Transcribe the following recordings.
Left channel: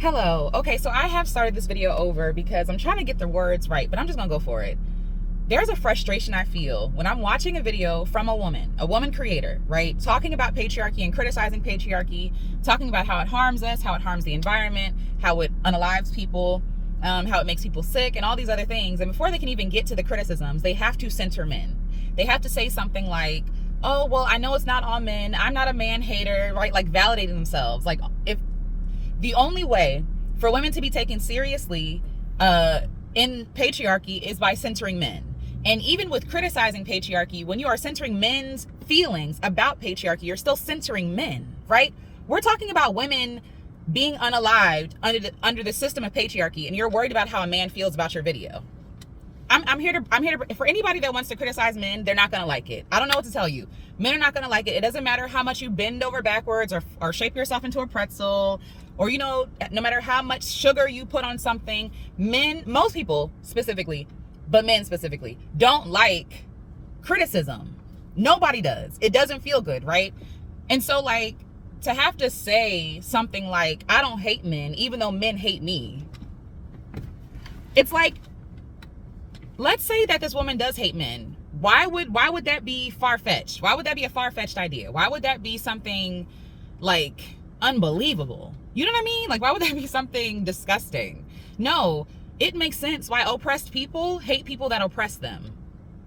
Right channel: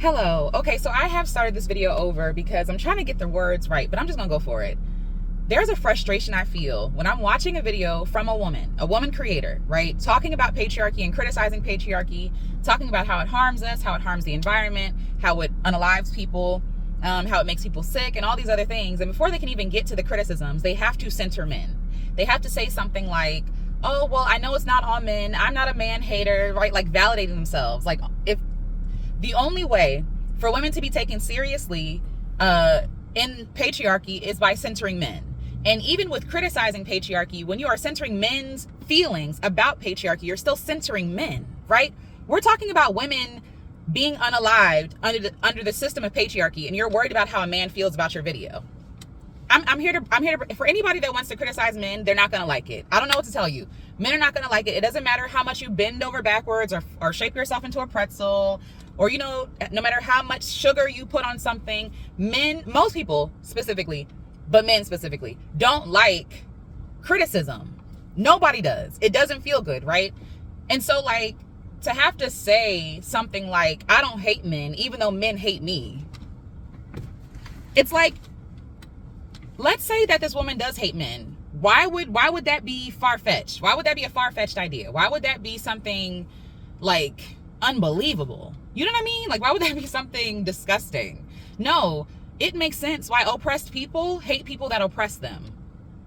Hello. Okay, so I have started this video over because I'm trying to get the words right, but I'm just gonna go for it. There's a frustration I feel when I'm watching a video from a woman creator, right? Talking about patriarchy and criticizing patriarchy, talking about how it harms us, how it harms the environment, how it unalives people, how it makes people sick, and all these other things. And before they can even get to the criticisms, they have to center men. They have to say something like, oh, well, I know it's not all men. I'm not a man hater, right? Like validating themselves. Like, if the only way for women to be taken seriously in patriarchy is by centering men. And even with criticizing patriarchy, when you are centering men's feelings about patriarchy, you're still centering men, right? We're talking about women being unalived under the system of patriarchy, and you're worried about how a man feels about your video. I'm here to, for anybody that wants to criticize men, they're not going to like it. I don't know what to tell you. Men are not going to like it. It doesn't matter how much you bend over backwards or shape yourself into a pretzel, or, no matter how much sugar you put on something. Men, most people specifically, but men specifically, don't like criticism. Nobody does. It doesn't feel good, right? And so, like, to have to say something like, I don't hate men, even though men hate me. It's like, let's say that this woman does hate men. Why would that be far-fetched? Why would that be a far-fetched idea? Why would that be something like unbelievable? You know what I mean? Like, why would that be something disgusting? No, it makes sense why oppressed people hate people that oppress them.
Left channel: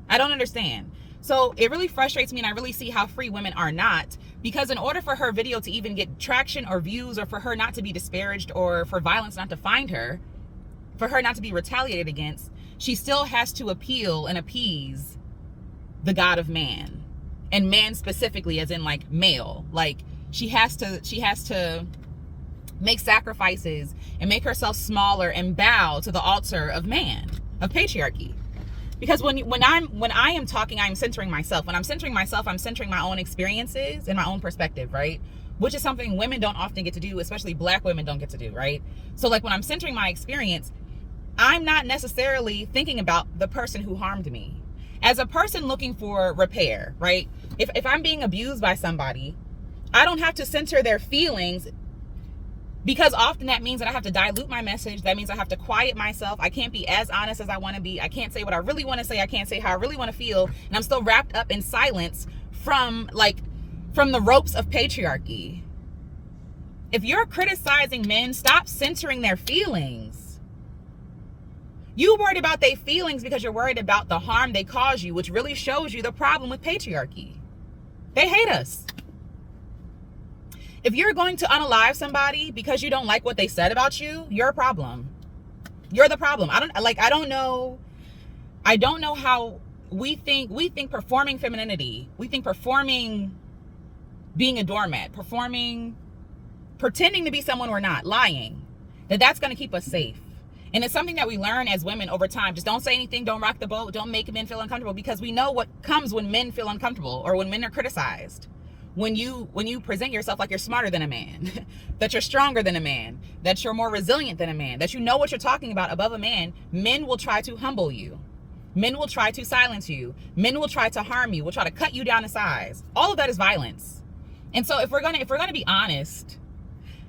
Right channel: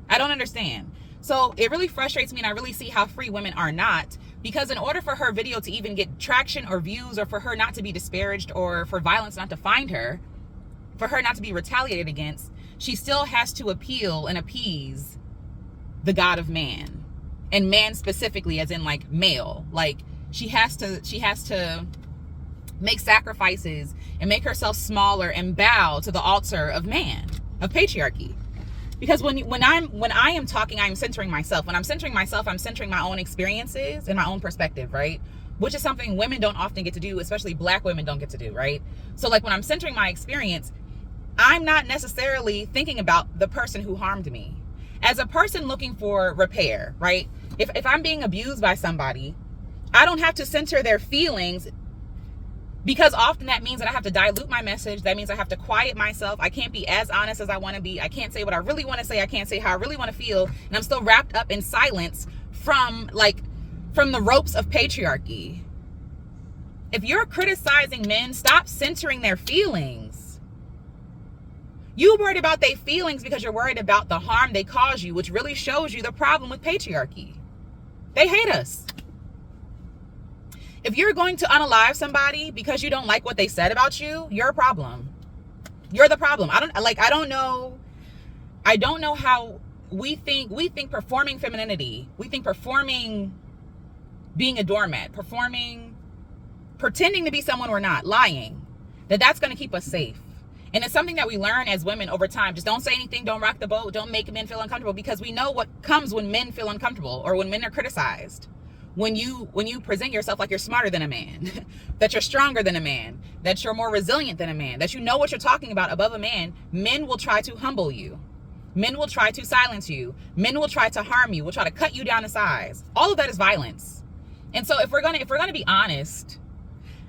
I don't understand. So it really frustrates me, and I really see how free women are not, because in order for her video to even get traction or views, or for her not to be disparaged, or for violence not to find her, for her not to be retaliated against, she still has to appeal and appease the God of man, and man specifically as in like male. Like, she has to make sacrifices and make herself smaller and bow to the altar of man, of patriarchy. Because when I am talking, I'm centering myself. When I'm centering myself, I'm centering my own experiences and my own perspective, right? Which is something women don't often get to do, especially Black women don't get to do, right? So like, when I'm centering my experience, I'm not necessarily thinking about the person who harmed me. As a person looking for repair, right? If I'm being abused by somebody, I don't have to center their feelings, because often that means that I have to dilute my message. That means I have to quiet myself. I can't be as honest as I want to be. I can't say what I really want to say. I can't say how I really want to feel. And I'm still wrapped up in silence from the ropes of patriarchy. If you're criticizing men, stop censoring their feelings. You worried about their feelings because you're worried about the harm they cause you, which really shows you the problem with patriarchy. They hate us. If you're going to unalive somebody because you don't like what they said about you, you're a problem. You're the problem. I don't know how we think performing femininity, we think performing being a doormat, pretending to be someone we're not, lying, that's going to keep us safe. And it's something that we learn as women over time. Just don't say anything, don't rock the boat, don't make men feel uncomfortable, because we know what comes when men feel uncomfortable, or when men are criticized. When you present yourself like you're smarter than a man, that you're stronger than a man, that you're more resilient than a man, that you know what you're talking about above a man, men will try to humble you. Men will try to silence you. Men will try to harm you, will try to cut you down to size. All of that is violence. And so if we're gonna be honest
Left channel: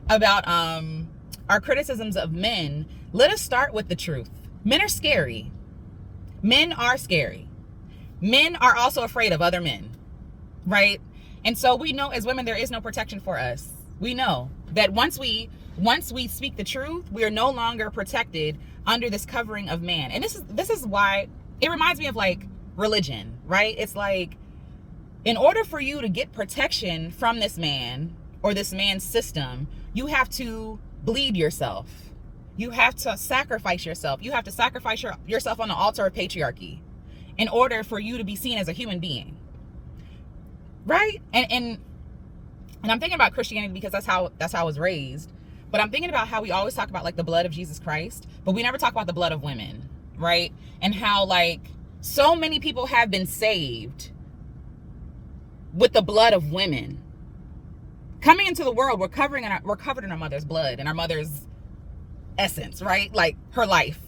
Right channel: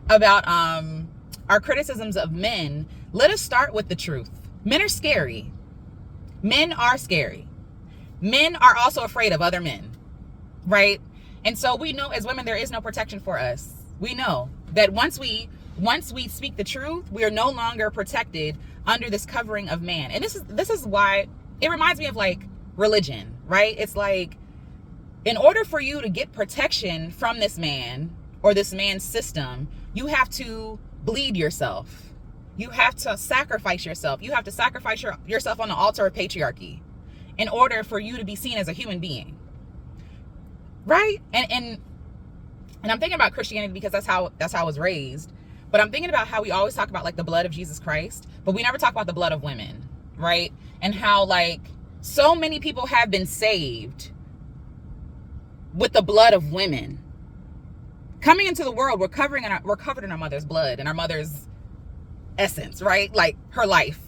about our criticisms of men, let us start with the truth. Men are scary. Men are scary. Men are also afraid of other men, right? And so we know as women, there is no protection for us. We know that once we speak the truth, we are no longer protected under this covering of man. And this is why it reminds me of like religion, right? It's like, in order for you to get protection from this man or this man's system, you have to bleed yourself. You have to sacrifice yourself. You have to sacrifice yourself on the altar of patriarchy in order for you to be seen as a human being. Right? And I'm thinking about Christianity because that's how I was raised. But I'm thinking about how we always talk about like the blood of Jesus Christ, but we never talk about the blood of women, right? And how like so many people have been saved with the blood of women. Coming into the world, we're covered in our mother's blood and our mother's essence, right? Like her life.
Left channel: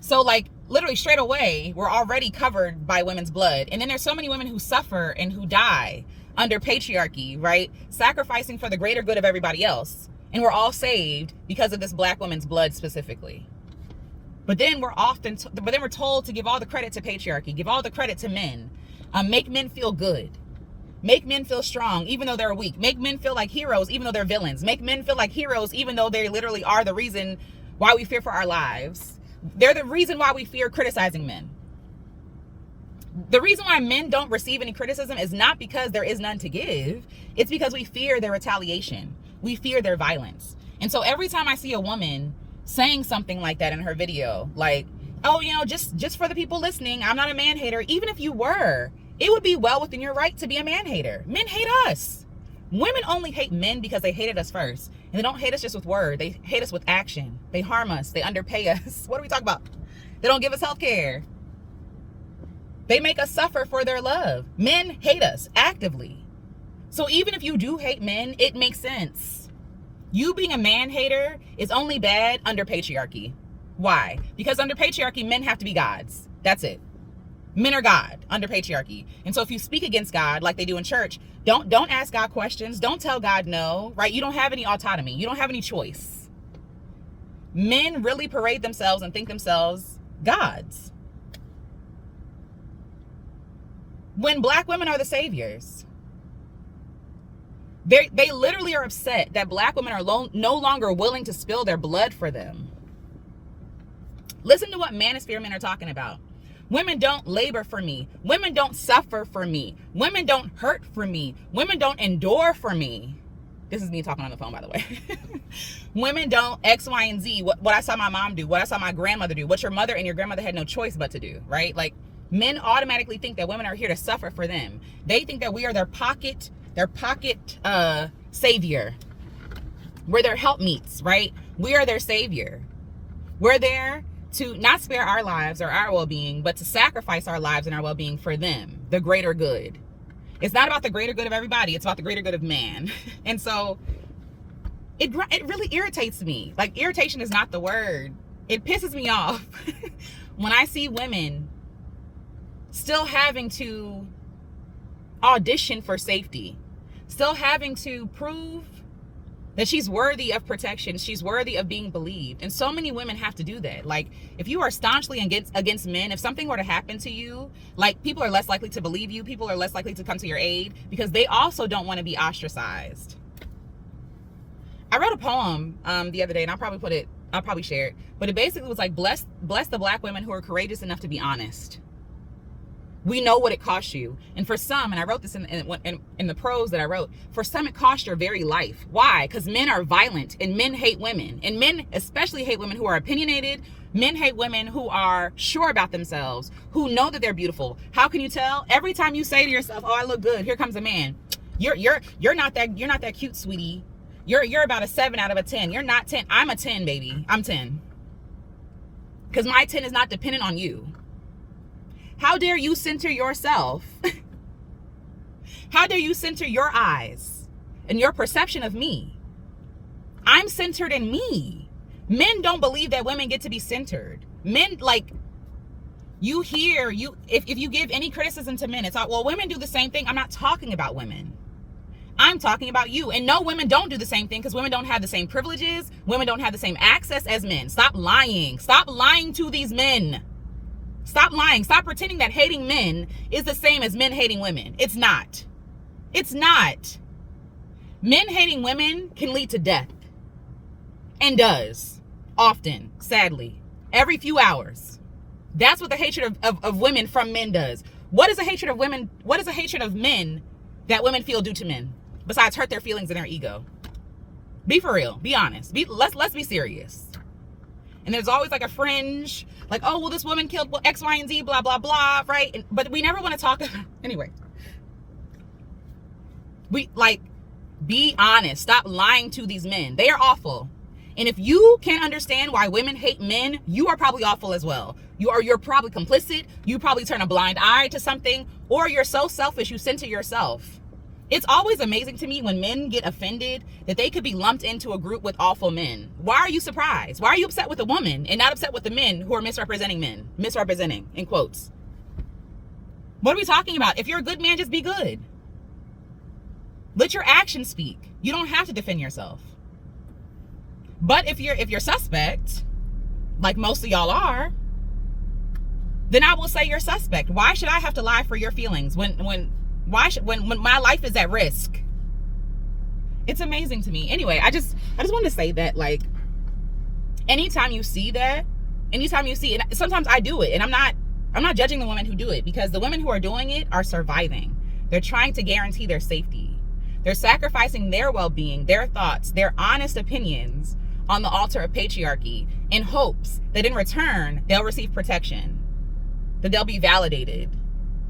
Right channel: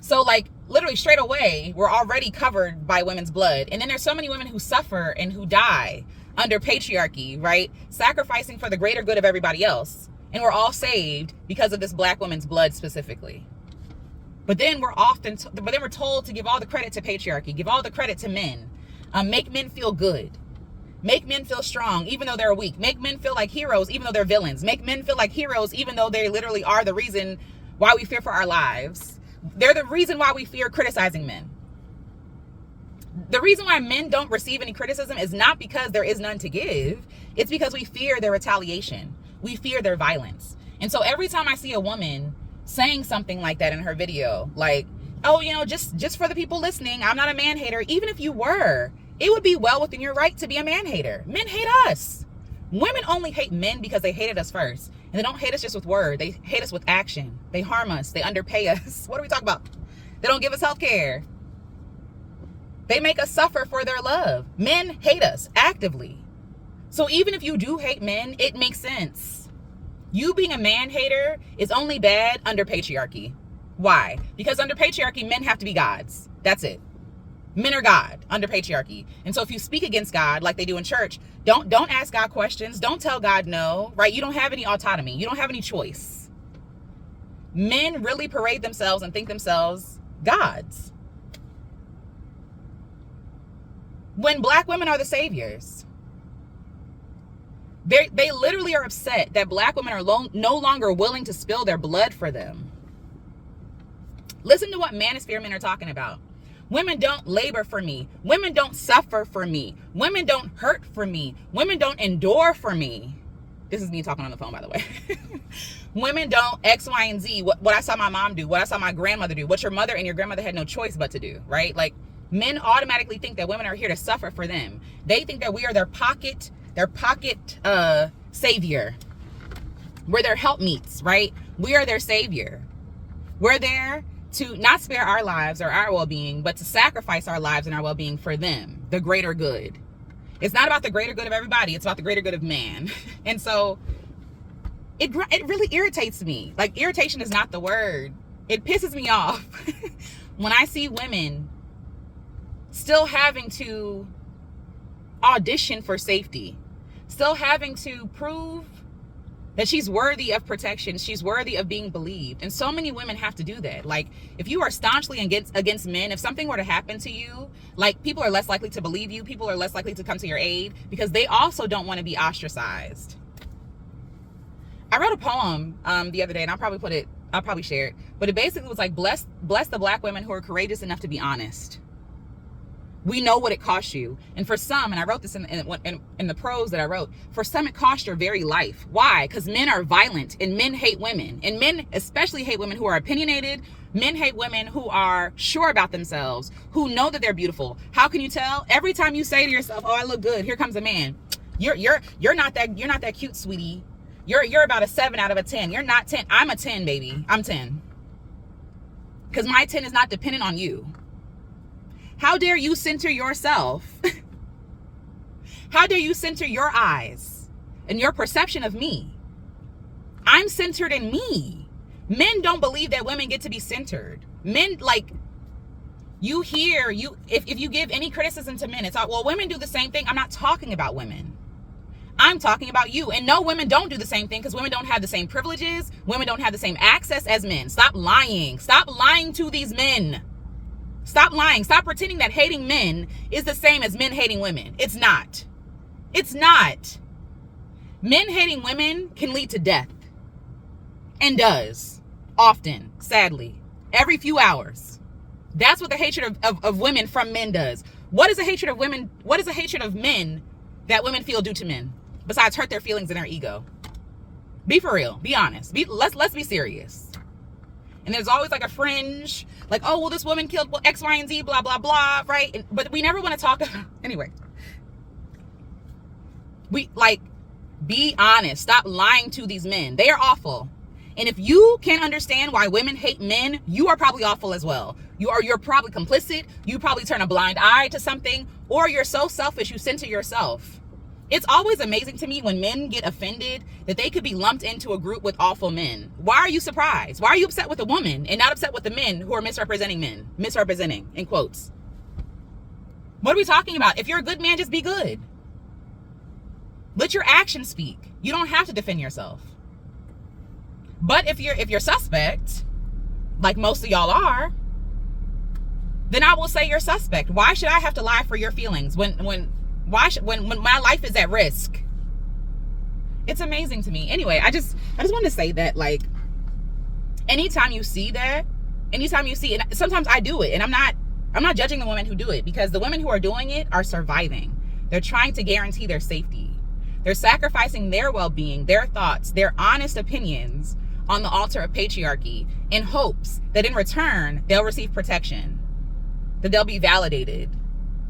So like literally straight away, we're already covered by women's blood. And then there's so many women who suffer and who die under patriarchy, right? Sacrificing for the greater good of everybody else. And we're all saved because of this black woman's blood specifically. But then we're told to give all the credit to patriarchy, give all the credit to men, make men feel good, make men feel strong even though they're weak, make men feel like heroes even though they're villains, make men feel like heroes even though they literally are the reason why we fear for our lives. They're the reason why we fear criticizing men. The reason why men don't receive any criticism is not because there is none to give. It's because we fear their retaliation. We fear their violence. And so every time I see a woman saying something like that in her video, like, oh, just for the people listening, I'm not a man hater. Even if you were, it would be well within your right to be a man hater. Men hate us. Women only hate men because they hated us first. And they don't hate us just with word. They hate us with action. They harm us. They underpay us. What are we talking about? They don't give us health care. They make us suffer for their love. Men hate us actively. So even if you do hate men, it makes sense. You being a man hater is only bad under patriarchy. Why? Because under patriarchy, men have to be gods. That's it. Men are God under patriarchy. And so if you speak against God like they do in church, don't ask God questions. Don't tell God no, right? You don't have any autonomy. You don't have any choice. Men really parade themselves and think themselves gods, when black women are the saviors. They literally are upset that black women are no longer willing to spill their blood for them. Listen to what manosphere men are talking about. Women don't labor for me. Women don't suffer for me. Women don't hurt for me. Women don't endure for me. This is me talking on the phone, by the way. Women don't X, Y, and Z. What I saw my mom do, what I saw my grandmother do, what your mother and your grandmother had no choice but to do, right? Like, men automatically think that women are here to suffer for them. They think that we are their pocket savior. We're their helpmeets, right? We are their savior. We're there to not spare our lives or our well-being, but to sacrifice our lives and our well-being for them, the greater good. It's not about the greater good of everybody. It's about the greater good of man. And so it really irritates me. Like, irritation is not the word. It pisses me off when I see women still having to audition for safety, still having to prove that she's worthy of protection, she's worthy of being believed. And so many women have to do that. Like, if you are staunchly against men, if something were to happen to you, like, people are less likely to believe you, people are less likely to come to your aid, because they also don't want to be ostracized. I wrote a poem the other day, and I'll probably share it, but it basically was like, bless the black women who are courageous enough to be honest. We know what it costs you. And for some, and I wrote this in the prose that I wrote, for some it costs your very life. Why? Because men are violent, and men hate women. And men especially hate women who are opinionated. Men hate women who are sure about themselves, who know that they're beautiful. How can you tell? Every time you say to yourself, oh, I look good, here comes a man. You're not that cute, sweetie. You're about a 7 out of a 10. You're not 10. I'm a 10, baby. I'm 10. Because my 10 is not dependent on you. How dare you center yourself? How dare you center your eyes and your perception of me? I'm centered in me. Men don't believe that women get to be centered. Men, like, if you give any criticism to men, it's like, well, women do the same thing. I'm not talking about women. I'm talking about you. And no, women don't do the same thing, because women don't have the same privileges. Women don't have the same access as men. Stop lying. Stop lying to these men. Stop lying. Stop pretending that hating men is the same as men hating women. It's not. It's not. Men hating women can lead to death. And does. Often. Sadly. Every few hours. That's what the hatred of women from men does. What is a hatred of women? What is a hatred of men that women feel do to men? Besides hurt their feelings and their ego. Be for real. Be honest. Let's be serious. And there's always like a fringe, like, oh, well, this woman killed X, Y, and Z, blah, blah, blah, right? But we never want to talk about, anyway. Be honest. Stop lying to these men. They are awful. And if you can't understand why women hate men, you are probably awful as well. You're probably complicit. You probably turn a blind eye to something, or you're so selfish you center yourself. It's always amazing to me when men get offended that they could be lumped into a group with awful men. Why are you surprised? Why are you upset with a woman and not upset with the men who are misrepresenting men? Misrepresenting, in quotes. What are we talking about? If you're a good man, just be good. Let your actions speak. You don't have to defend yourself. But if you're suspect, like most of y'all are, then I will say you're suspect. Why should I have to lie for your feelings when my life is at risk? It's amazing to me. Anyway, I just wanted to say that, like, anytime you see that, anytime you see it, sometimes I do it, and I'm not judging the women who do it, because the women who are doing it are surviving. They're trying to guarantee their safety. They're sacrificing their well-being, their thoughts, their honest opinions on the altar of patriarchy in hopes that in return they'll receive protection, that they'll be validated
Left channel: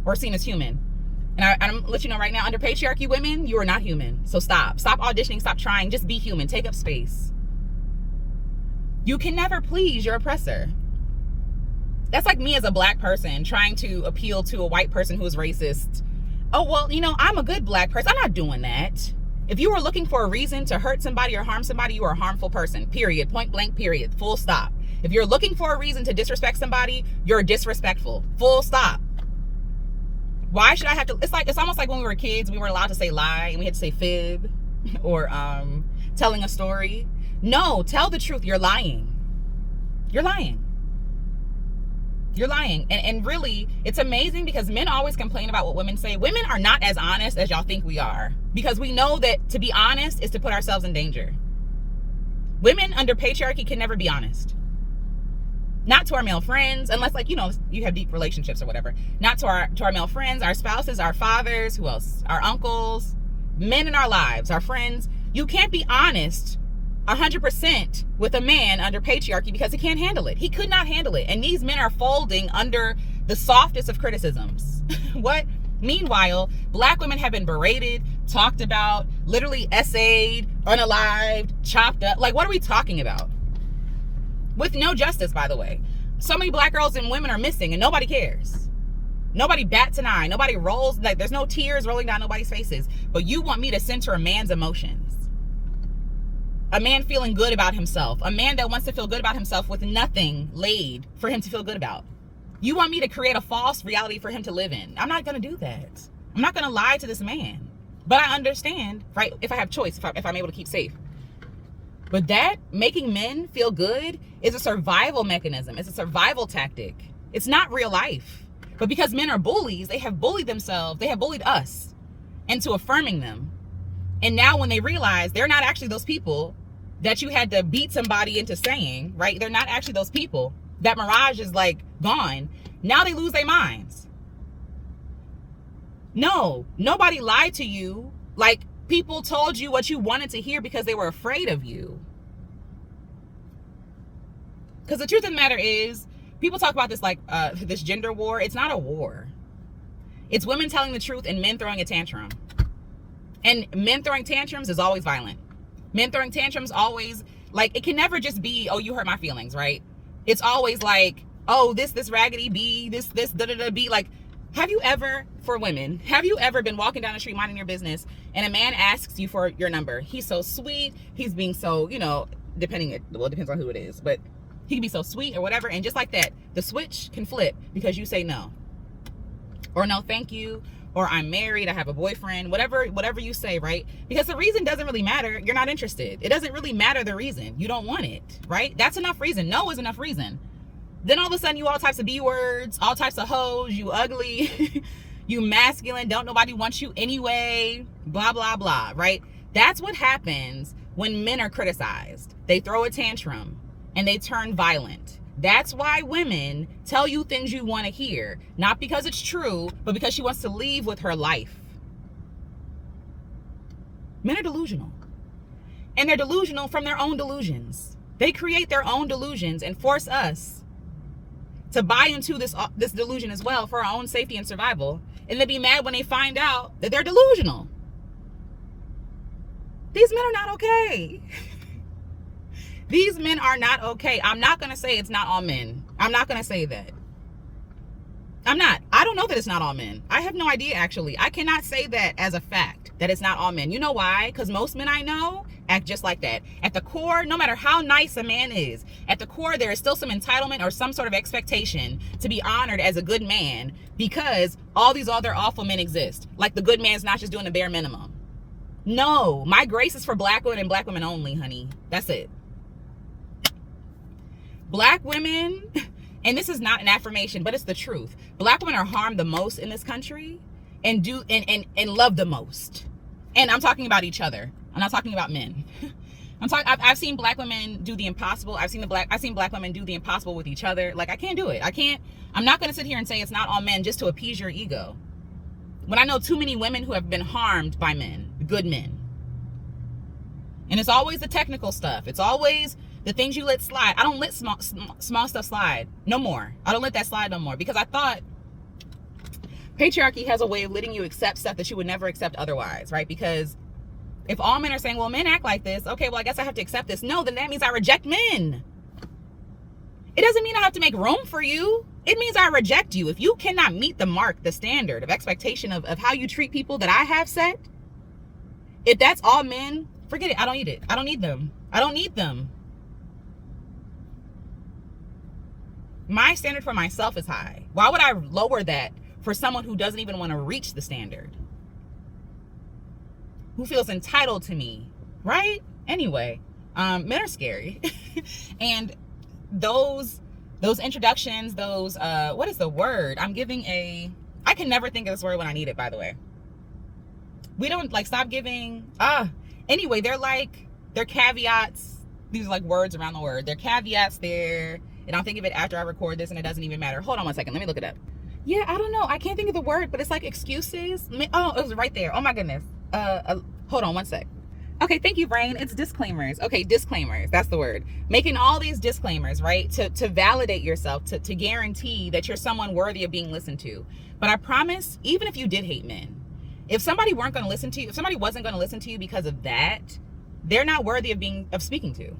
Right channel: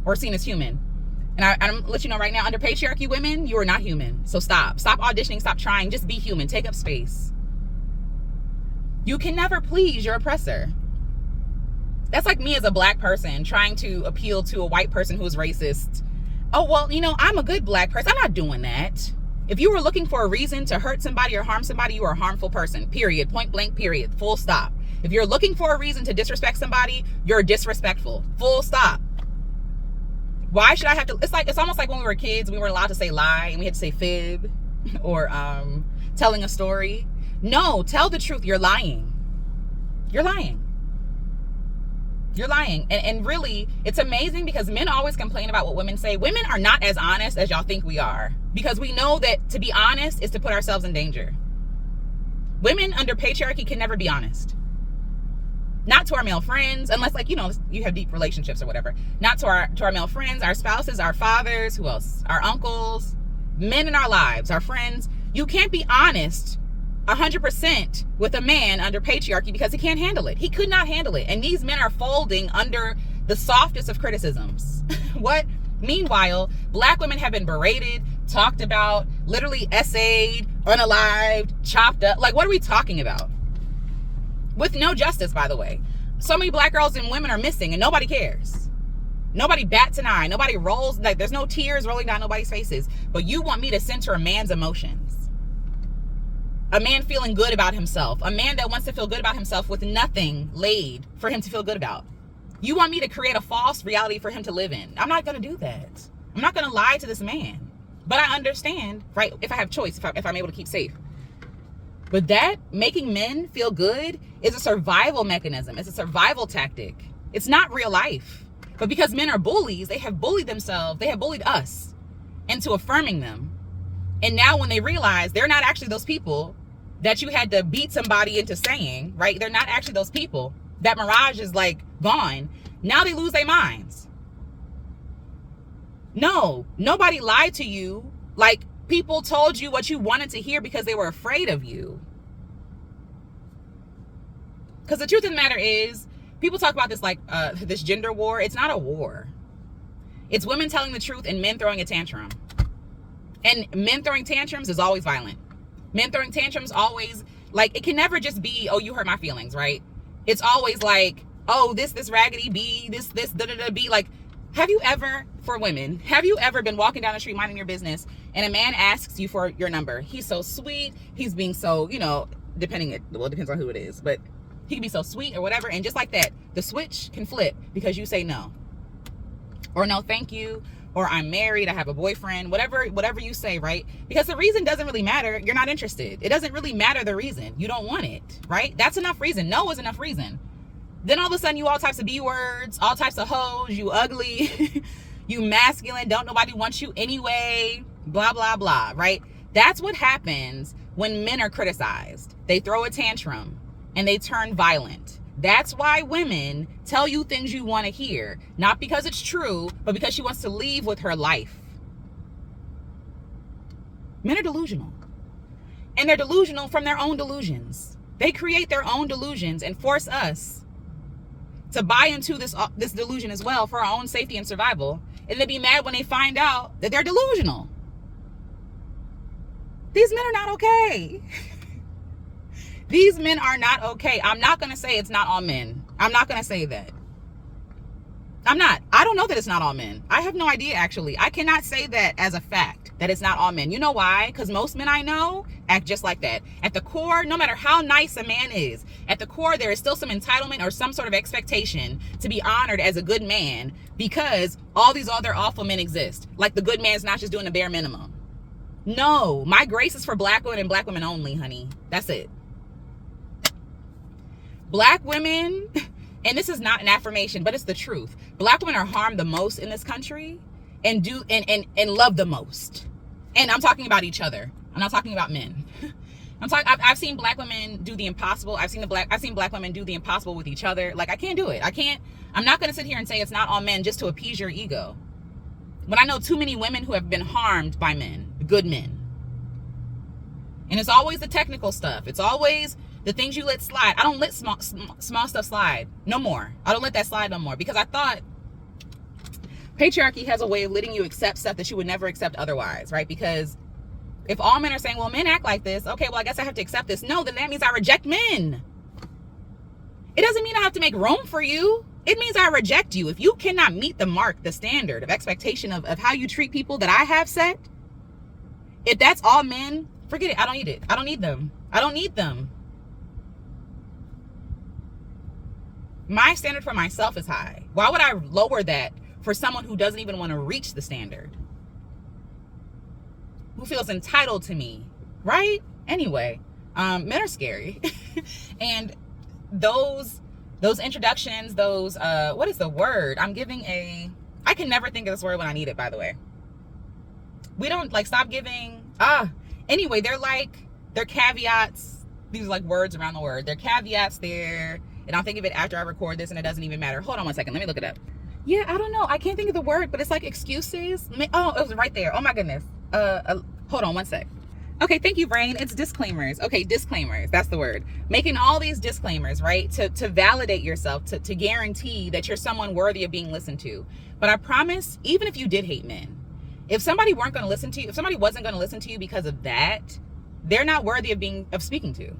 or seen as human. And I'm let you know right now, under patriarchy, women, you are not human. So stop auditioning, stop trying, just be human, take up space. You can never please your oppressor. That's like me as a black person trying to appeal to a white person who is racist. Oh, well, you know, I'm a good black person. I'm not doing that. If you were looking for a reason to hurt somebody or harm somebody, you are a harmful person, period, point blank, period, full stop. If you're looking for a reason to disrespect somebody, you're disrespectful, full stop. Why should I have to? It's almost like when we were kids, we weren't allowed to say lie and we had to say fib or telling a story. No, tell the truth. You're lying. You're lying. You're lying. And really, it's amazing because men always complain about what women say. Women are not as honest as y'all think we are, because we know that to be honest is to put ourselves in danger. Women under patriarchy can never be honest. Not to our male friends, unless, like, you know, you have deep relationships or whatever. Not to our male friends, our spouses, our fathers, who else? Our uncles, men in our lives, our friends. You can't be honest 100% with a man under patriarchy because he can't handle it. He could not handle it. And these men are folding under the softest of criticisms. What? Meanwhile, black women have been berated, talked about, literally essayed, unalived, chopped up. Like, what are we talking about? With no justice, by the way. So many black girls and women are missing and nobody cares. Nobody bats an eye. Nobody rolls, like, there's no tears rolling down nobody's faces. But you want me to censor a man's emotions. A man feeling good about himself. A man that wants to feel good about himself with nothing laid for him to feel good about. You want me to create a false reality for him to live in. I'm not going to do that. I'm not going to lie to this man. But I understand, right, if I have choice, if I'm able to keep safe. But that, making men feel good, is a survival mechanism. It's a survival tactic. It's not real life. But because men are bullies, they have bullied themselves. They have bullied us into affirming them. And now when they realize they're not actually those people that you had to beat somebody into saying, right? They're not actually those people. That mirage is, like, gone. Now they lose their minds. No, nobody lied to you. Like, people told you what you wanted to hear because they were afraid of you. Because the truth of the matter is, people talk about this like this gender war. It's not a war. It's women telling the truth and men throwing a tantrum. And men throwing tantrums is always violent. Men throwing tantrums always, like, it can never just be, oh, you hurt my feelings, right? It's always like, oh, this raggedy B, this da-da-da B. Like, have you ever, for women, have you ever been walking down the street minding your business and a man asks you for your number? He's so sweet. He's being so, you know, it depends on who it is, but he can be so sweet or whatever. And just like that, the switch can flip because you say no. Or no, thank you. Or I'm married, I have a boyfriend, whatever you say, right? Because the reason doesn't really matter. You're not interested. It doesn't really matter the reason. You don't want it, right? That's enough reason. No is enough reason. Then all of a sudden you all types of B words, all types of hoes, you ugly, you masculine, don't nobody want you anyway, blah, blah, blah, right? That's what happens when men are criticized. They throw a tantrum and they turn violent. That's why women tell you things you want to hear. Not because it's true, but because she wants to leave with her life. Men are delusional. And they're delusional from their own delusions. They create their own delusions and force us to buy into this delusion as well for our own safety and survival. And then be mad when they find out that they're delusional. These men are not okay. These men are not okay. I'm not going to say it's not all men. I'm not going to say that. I'm not. I don't know that it's not all men. I have no idea, actually. I cannot say that as a fact, that it's not all men. You know why? Because most men I know act just like that. At the core, no matter how nice a man is, at the core, there is still some entitlement or some sort of expectation to be honored as a good man because all these other awful men exist. Like the good man's not just doing the bare minimum. No, my grace is for black women and black women only, honey. That's it. Black women, and this is not an affirmation, but it's the truth. Black women are harmed the most in this country and love the most. And I'm talking about each other. I'm not talking about men. I've seen black women do the impossible. I've seen black women do the impossible with each other. Like, I can't do it. I'm not going to sit here and say it's not all men just to appease your ego. When I know too many women who have been harmed by men, good men. And it's always the technical stuff. It's always the things you let slide. I don't let small stuff slide no more. I don't let that slide no more, because I thought patriarchy has a way of letting you accept stuff that you would never accept otherwise, right? Because if all men are saying, well, men act like this, okay, well, I guess I have to accept this. No, then that means I reject men. It doesn't mean I have to make room for you. It means I reject you. If you cannot meet the mark, the standard of expectation of how you treat people that I have set, if that's all men, forget it. I don't need it. I don't need them. I don't need them. My standard for myself is high. Why would I lower that for someone who doesn't even want to reach the standard? Who feels entitled to me, right? Anyway, men are scary. And those introductions, what is the word? I can never think of this word when I need it, by the way. We don't, like, stop giving, anyway, they're caveats. These are like words around the word. They're caveats there. And I'll think of it after I record this, and it doesn't even matter. Hold on one second. Let me look it up. Yeah, I don't know. I can't think of the word, but it's like excuses. Oh, it was right there. Oh my goodness. Hold on one sec. Okay, thank you, brain. It's disclaimers. Okay, disclaimers. That's the word. Making all these disclaimers, right? To validate yourself, to guarantee that you're someone worthy of being listened to. But I promise, even if you did hate men, if somebody wasn't going to listen to you because of that, they're not worthy of speaking to.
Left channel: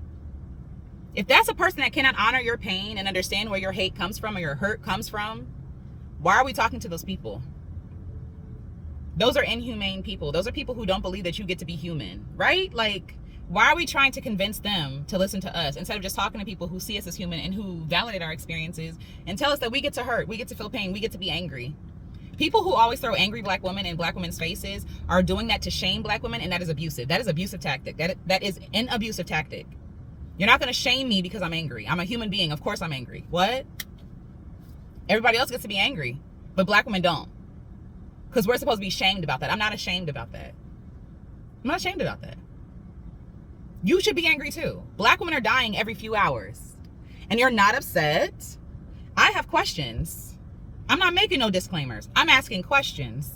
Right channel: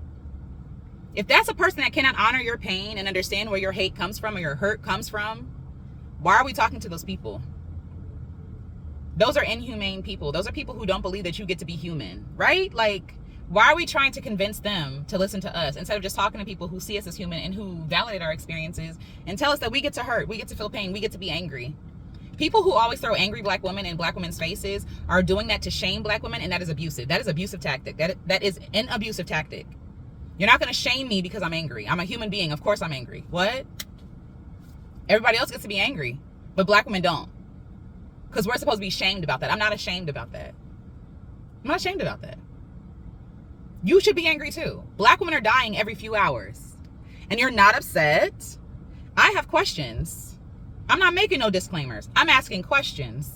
If that's a person that cannot honor your pain and understand where your hate comes from or your hurt comes from, why are we talking to those people? Those are inhumane people. Those are people who don't believe that you get to be human, right? Like, why are we trying to convince them to listen to us instead of just talking to people who see us as human and who validate our experiences and tell us that we get to hurt, we get to feel pain, we get to be angry? People who always throw angry black women in black women's faces are doing that to shame black women, and that is abusive. That is abusive tactic. That is an abusive tactic. You're not going to shame me because I'm angry. I'm a human being. Of course I'm angry. What? Everybody else gets to be angry, but black women don't. Because we're supposed to be shamed about that. I'm not ashamed about that. I'm not ashamed about that. You should be angry too. Black women are dying every few hours. And you're not upset. I have questions. I'm not making no disclaimers. I'm asking questions.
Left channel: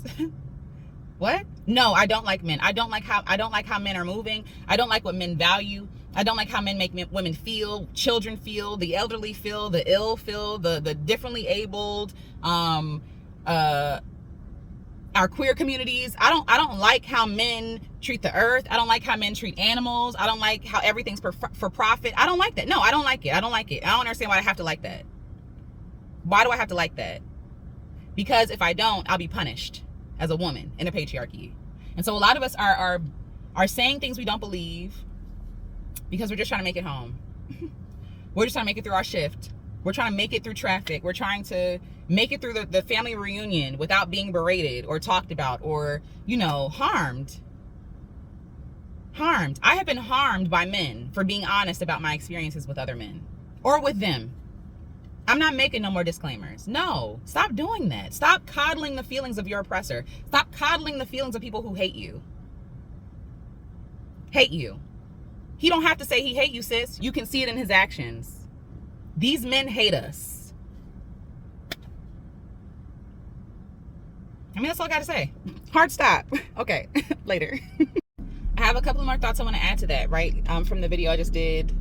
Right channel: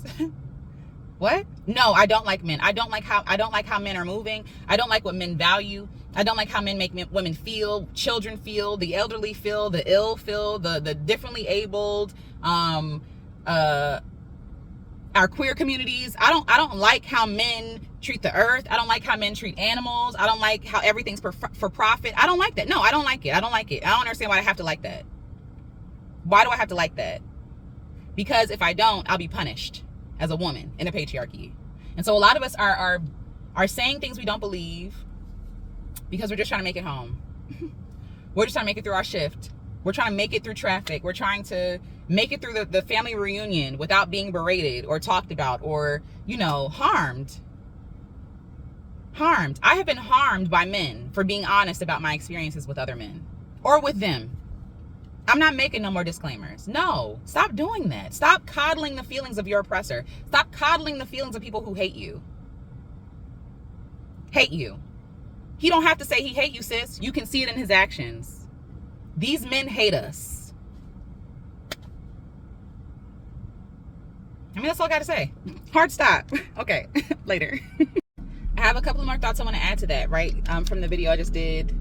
What? No, I don't like men. I don't like how men are moving. I don't like what men value. I don't like how men make women feel, children feel, the elderly feel, the ill feel, the differently abled, our queer communities. I don't like how men treat the earth. I don't like how men treat animals. I don't like how everything's for profit. I don't like that. No, I don't like it. I don't like it. I don't understand why I have to like that. Why do I have to like that? Because if I don't, I'll be punished as a woman in a patriarchy. And so a lot of us are saying things we don't believe because we're just trying to make it home. We're just trying to make it through our shift. We're trying to make it through traffic. We're trying to make it through the family reunion without being berated or talked about or, harmed. I have been harmed by men for being honest about my experiences with other men or with them. I'm not making no more disclaimers. No, stop doing that. Stop coddling the feelings of your oppressor. Stop coddling the feelings of people who hate you. Hate you. He don't have to say he hate you, sis. You can see it in his actions. These men hate us. I mean, that's all I got to say. Hard stop. Okay, later. I have a couple more thoughts I want to add to that, right? From the video I just did.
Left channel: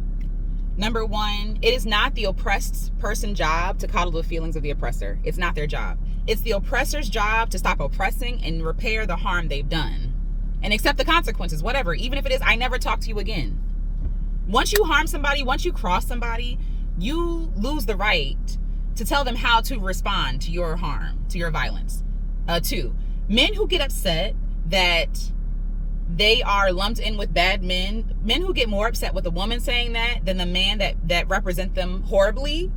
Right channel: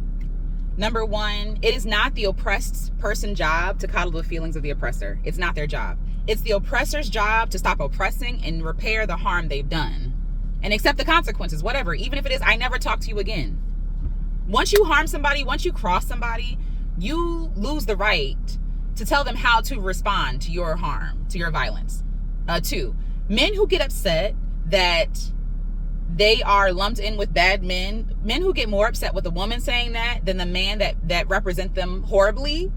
Number one, it is not the oppressed person's job to coddle the feelings of the oppressor. It's not their job. It's the oppressor's job to stop oppressing and repair the harm they've done. And accept the consequences, whatever. Even if it is, I never talk to you again. Once you harm somebody, once you cross somebody, you lose the right to tell them how to respond to your harm, to your violence. Two, men who get upset that they are lumped in with bad men who get more upset with a woman saying that than the man that represent them horribly,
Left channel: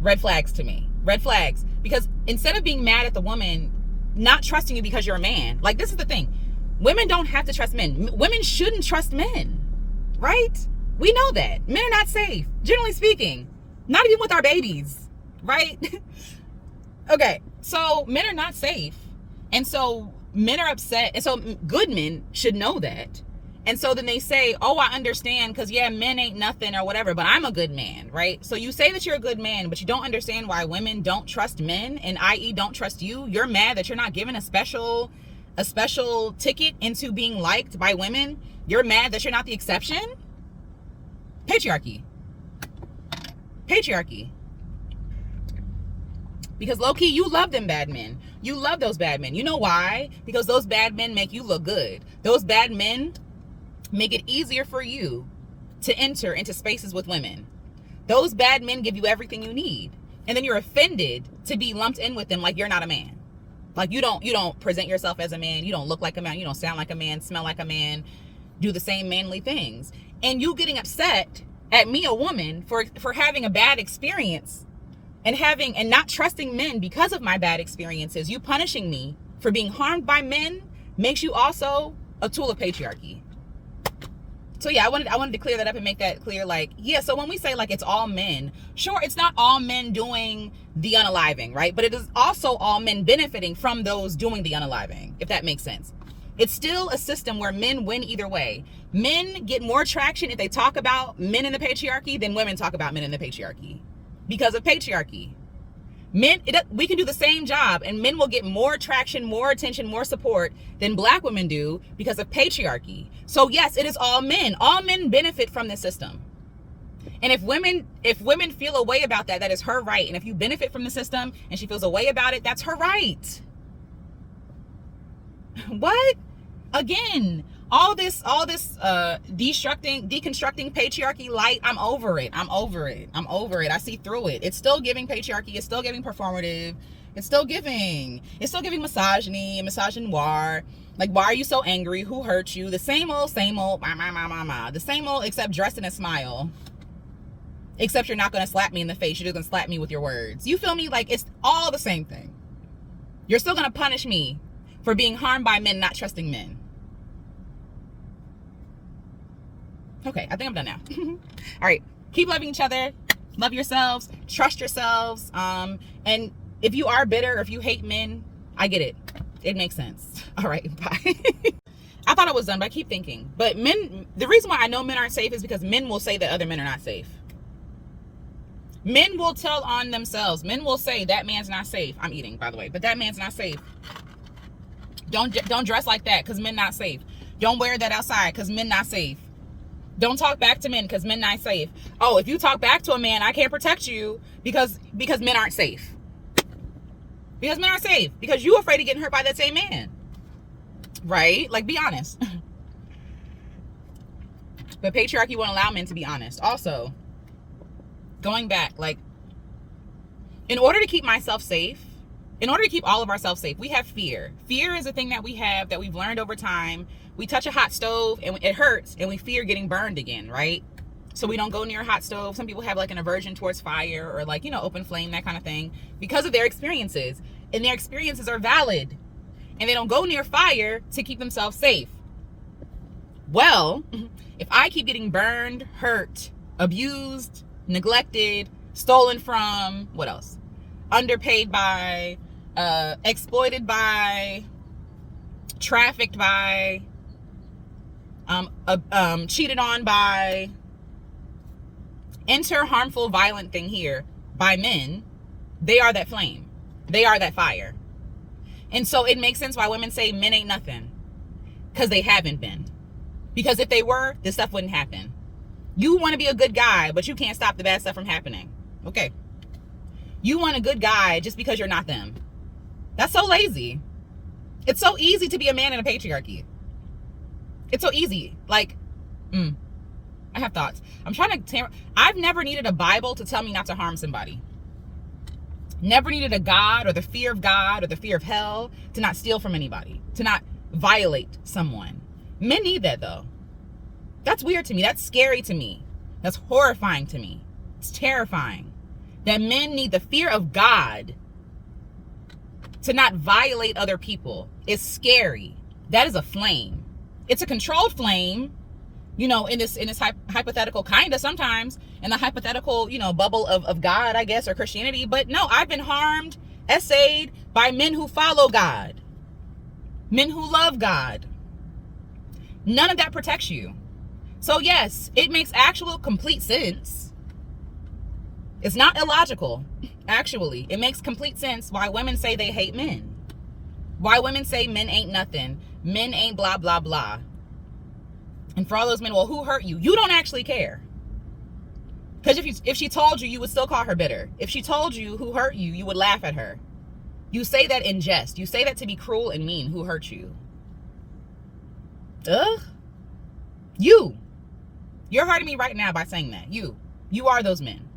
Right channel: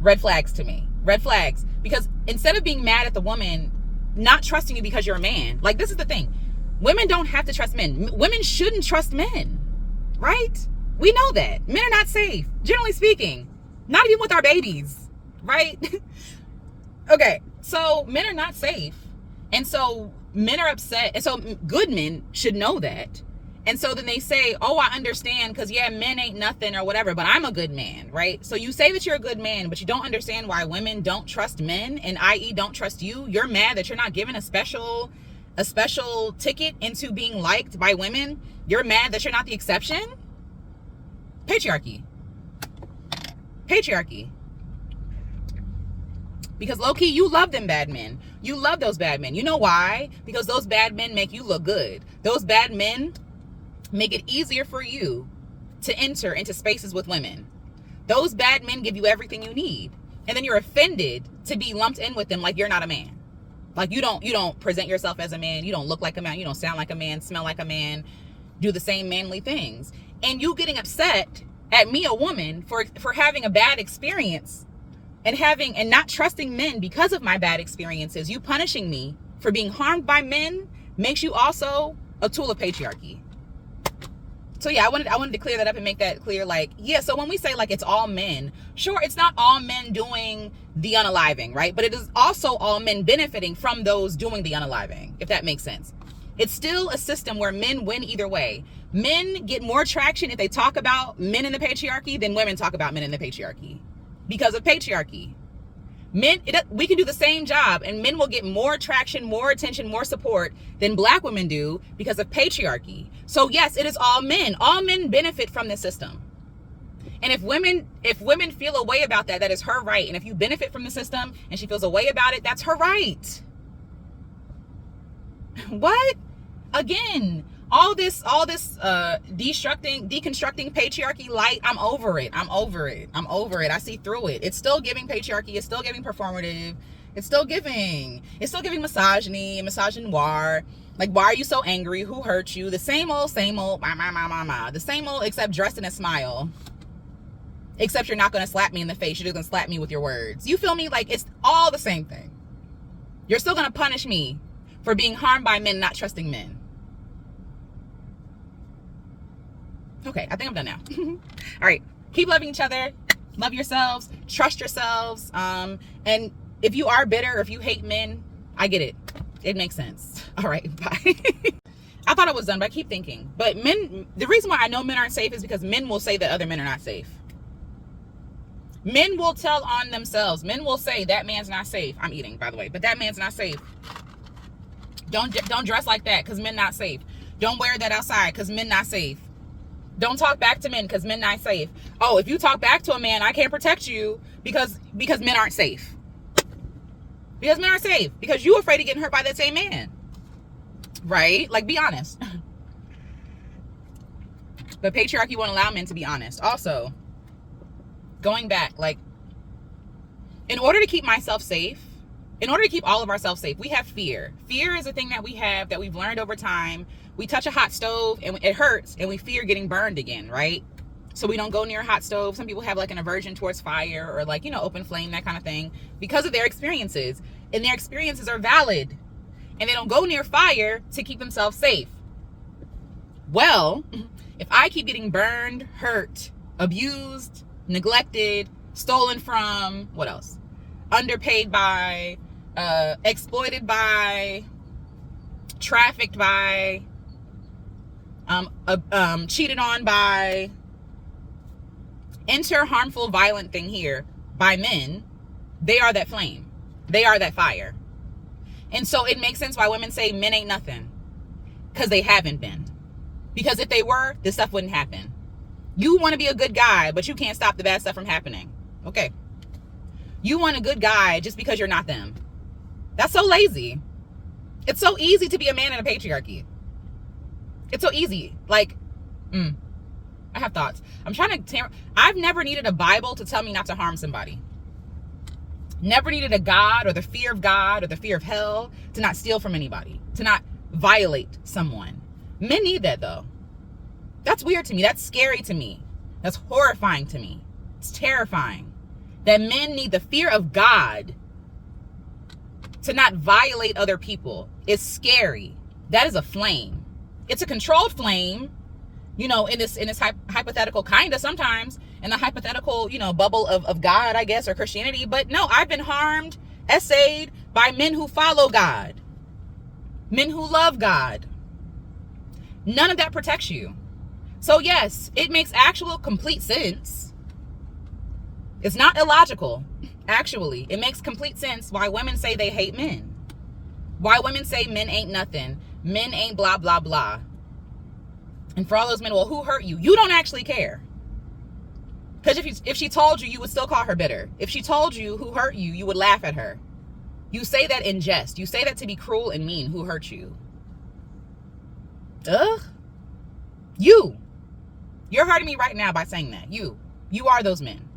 red flags to me. Red flags. Because instead of being mad at the woman not trusting you because you're a man, like, this is the thing. Women don't have to trust men. Women shouldn't trust men, right? We know that. Men are not safe, generally speaking. Not even with our babies, right? Okay, so men are not safe. And so men are upset. And so good men should know that. And so then they say, oh, I understand because, yeah, men ain't nothing or whatever, but I'm a good man, right? So you say that you're a good man, but you don't understand why women don't trust men, and i.e. don't trust you. You're mad that you're not given a special ticket into being liked by women. You're mad that you're not the exception. Patriarchy. Because low-key, you love them bad men. You love those bad men. You know why? Because those bad men make you look good. Those bad men make it easier for you to enter into spaces with women. Those bad men give you everything you need. And then you're offended to be lumped in with them like you're not a man. Like you don't present yourself as a man. You don't look like a man. You don't sound like a man, smell like a man, do the same manly things. And you getting upset at me, a woman, for having a bad experience and not trusting men because of my bad experiences. You punishing me for being harmed by men makes you also a tool of patriarchy. So yeah, I wanted to clear that up and make that clear. Like, yeah, so when we say like it's all men, sure, it's not all men doing the unaliving, right? But it is also all men benefiting from those doing the unaliving, if that makes sense. It's still a system where men win either way. Men get more traction if they talk about men in the patriarchy than women talk about men in the patriarchy because of patriarchy. We can do the same job and men will get more traction, more attention, more support than black women do because of patriarchy. So yes, it is all men. All men benefit from this system. And if women feel a way about that, that is her right. And if you benefit from the system and she feels a way about it, that's her right. What? Again, all this deconstructing patriarchy light, I'm over it. I see through it. It's still giving patriarchy, it's still giving performative, it's still giving misogyny and misogynoir. Like, why are you so angry? Who hurt you? The same old, the same old, except dressed in a smile. Except you're not gonna slap me in the face, you're just gonna slap me with your words. You feel me? Like, it's all the same thing. You're still gonna punish me for being harmed by men, not trusting men. Okay, I think I'm done now. All right, keep loving each other, love yourselves, trust yourselves. And if you are bitter, if you hate men, I get it. It makes sense. All right, bye. I thought I was done, but I keep thinking. But men, the reason why I know men aren't safe is because men will say that other men are not safe. Men will tell on themselves. Men will say that man's not safe. I'm eating, by the way, but that man's not safe. Don't dress like that because men not safe. Don't wear that outside because men not safe. Don't talk back to men because men not safe. Oh, if you talk back to a man, I can't protect you because men aren't safe. Because men aren't safe. Because you afraid of getting hurt by that same man. Right? Like, be honest. But patriarchy won't allow men to be honest. Also, going back, like, in order to keep myself safe, in order to keep all of ourselves safe, we have fear. Fear is a thing that we have that we've learned over time. We touch a hot stove and it hurts and we fear getting burned again, right? So we don't go near a hot stove. Some people have like an aversion towards fire or like, open flame, that kind of thing, because of their experiences. And their experiences are valid. And they don't go near fire to keep themselves safe. Well, if I keep getting burned, hurt, abused, neglected, stolen from, what else? Underpaid by, exploited by, trafficked by, cheated on by, enter harmful, violent thing here by men, they are that flame. They are that fire. And so it makes sense why women say men ain't nothing, because they haven't been. Because if they were, this stuff wouldn't happen. You want to be a good guy, but you can't stop the bad stuff from happening. Okay. You want a good guy just because you're not them. That's so lazy. It's so easy to be a man in a patriarchy. It's so easy. Like, I have thoughts. I've never needed a Bible to tell me not to harm somebody. Never needed a God or the fear of God or the fear of hell to not steal from anybody, to not violate someone. Men need that though. That's weird to me. That's scary to me. That's horrifying to me. It's terrifying that men need the fear of God to not violate other people. It's scary. That is a flame. It's a controlled flame, you know, in this hypothetical, kind of sometimes in the hypothetical, you know, bubble of God, I guess, or Christianity. But no, I've been harmed, essayed by men who follow God, men who love God. None of that protects you. So yes, it makes actual complete sense. It's not illogical. Actually, it makes complete sense why women say they hate men. Why women say men ain't nothing. Men ain't blah, blah, blah. And for all those men, well, who hurt you? You don't actually care. Because if she told you, you would still call her bitter. If she told you who hurt you, you would laugh at her. You say that in jest. You say that to be cruel and mean. Who hurt you? Ugh. You're hurting me right now by saying that. You are those men.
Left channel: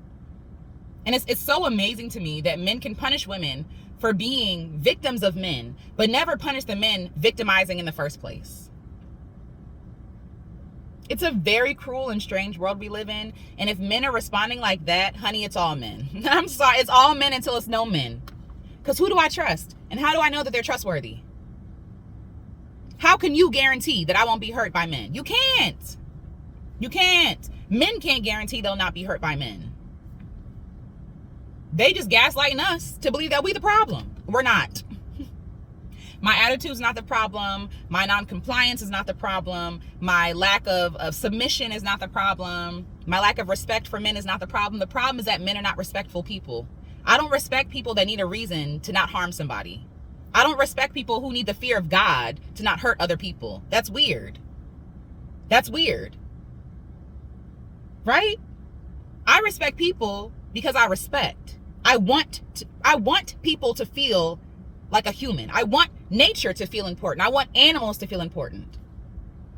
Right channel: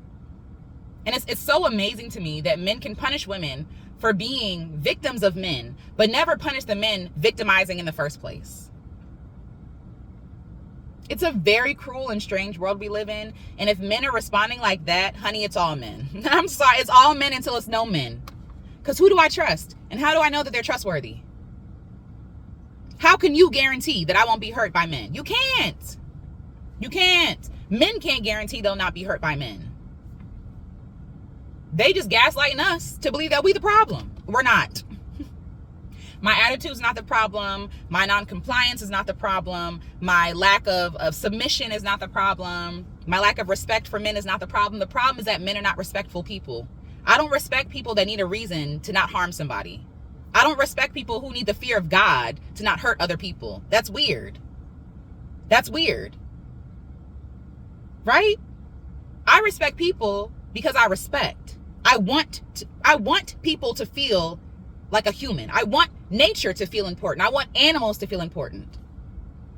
And it's so amazing to me that men can punish women for being victims of men, but never punish the men victimizing in the first place. It's a very cruel and strange world we live in. And if men are responding like that, honey, it's all men. I'm sorry, it's all men until it's no men. Because who do I trust? And how do I know that they're trustworthy? How can you guarantee that I won't be hurt by men? You can't. You can't. Men can't guarantee they'll not be hurt by men. They just gaslighting us to believe that we the problem. We're not. My attitude is not the problem. My non-compliance is not the problem. My lack of submission is not the problem. My lack of respect for men is not the problem. The problem is that men are not respectful people. I don't respect people that need a reason to not harm somebody. I don't respect people who need the fear of God to not hurt other people. That's weird. That's weird. Right? I respect people because I respect. I want people to feel like a human. I want nature to feel important. I want animals to feel important.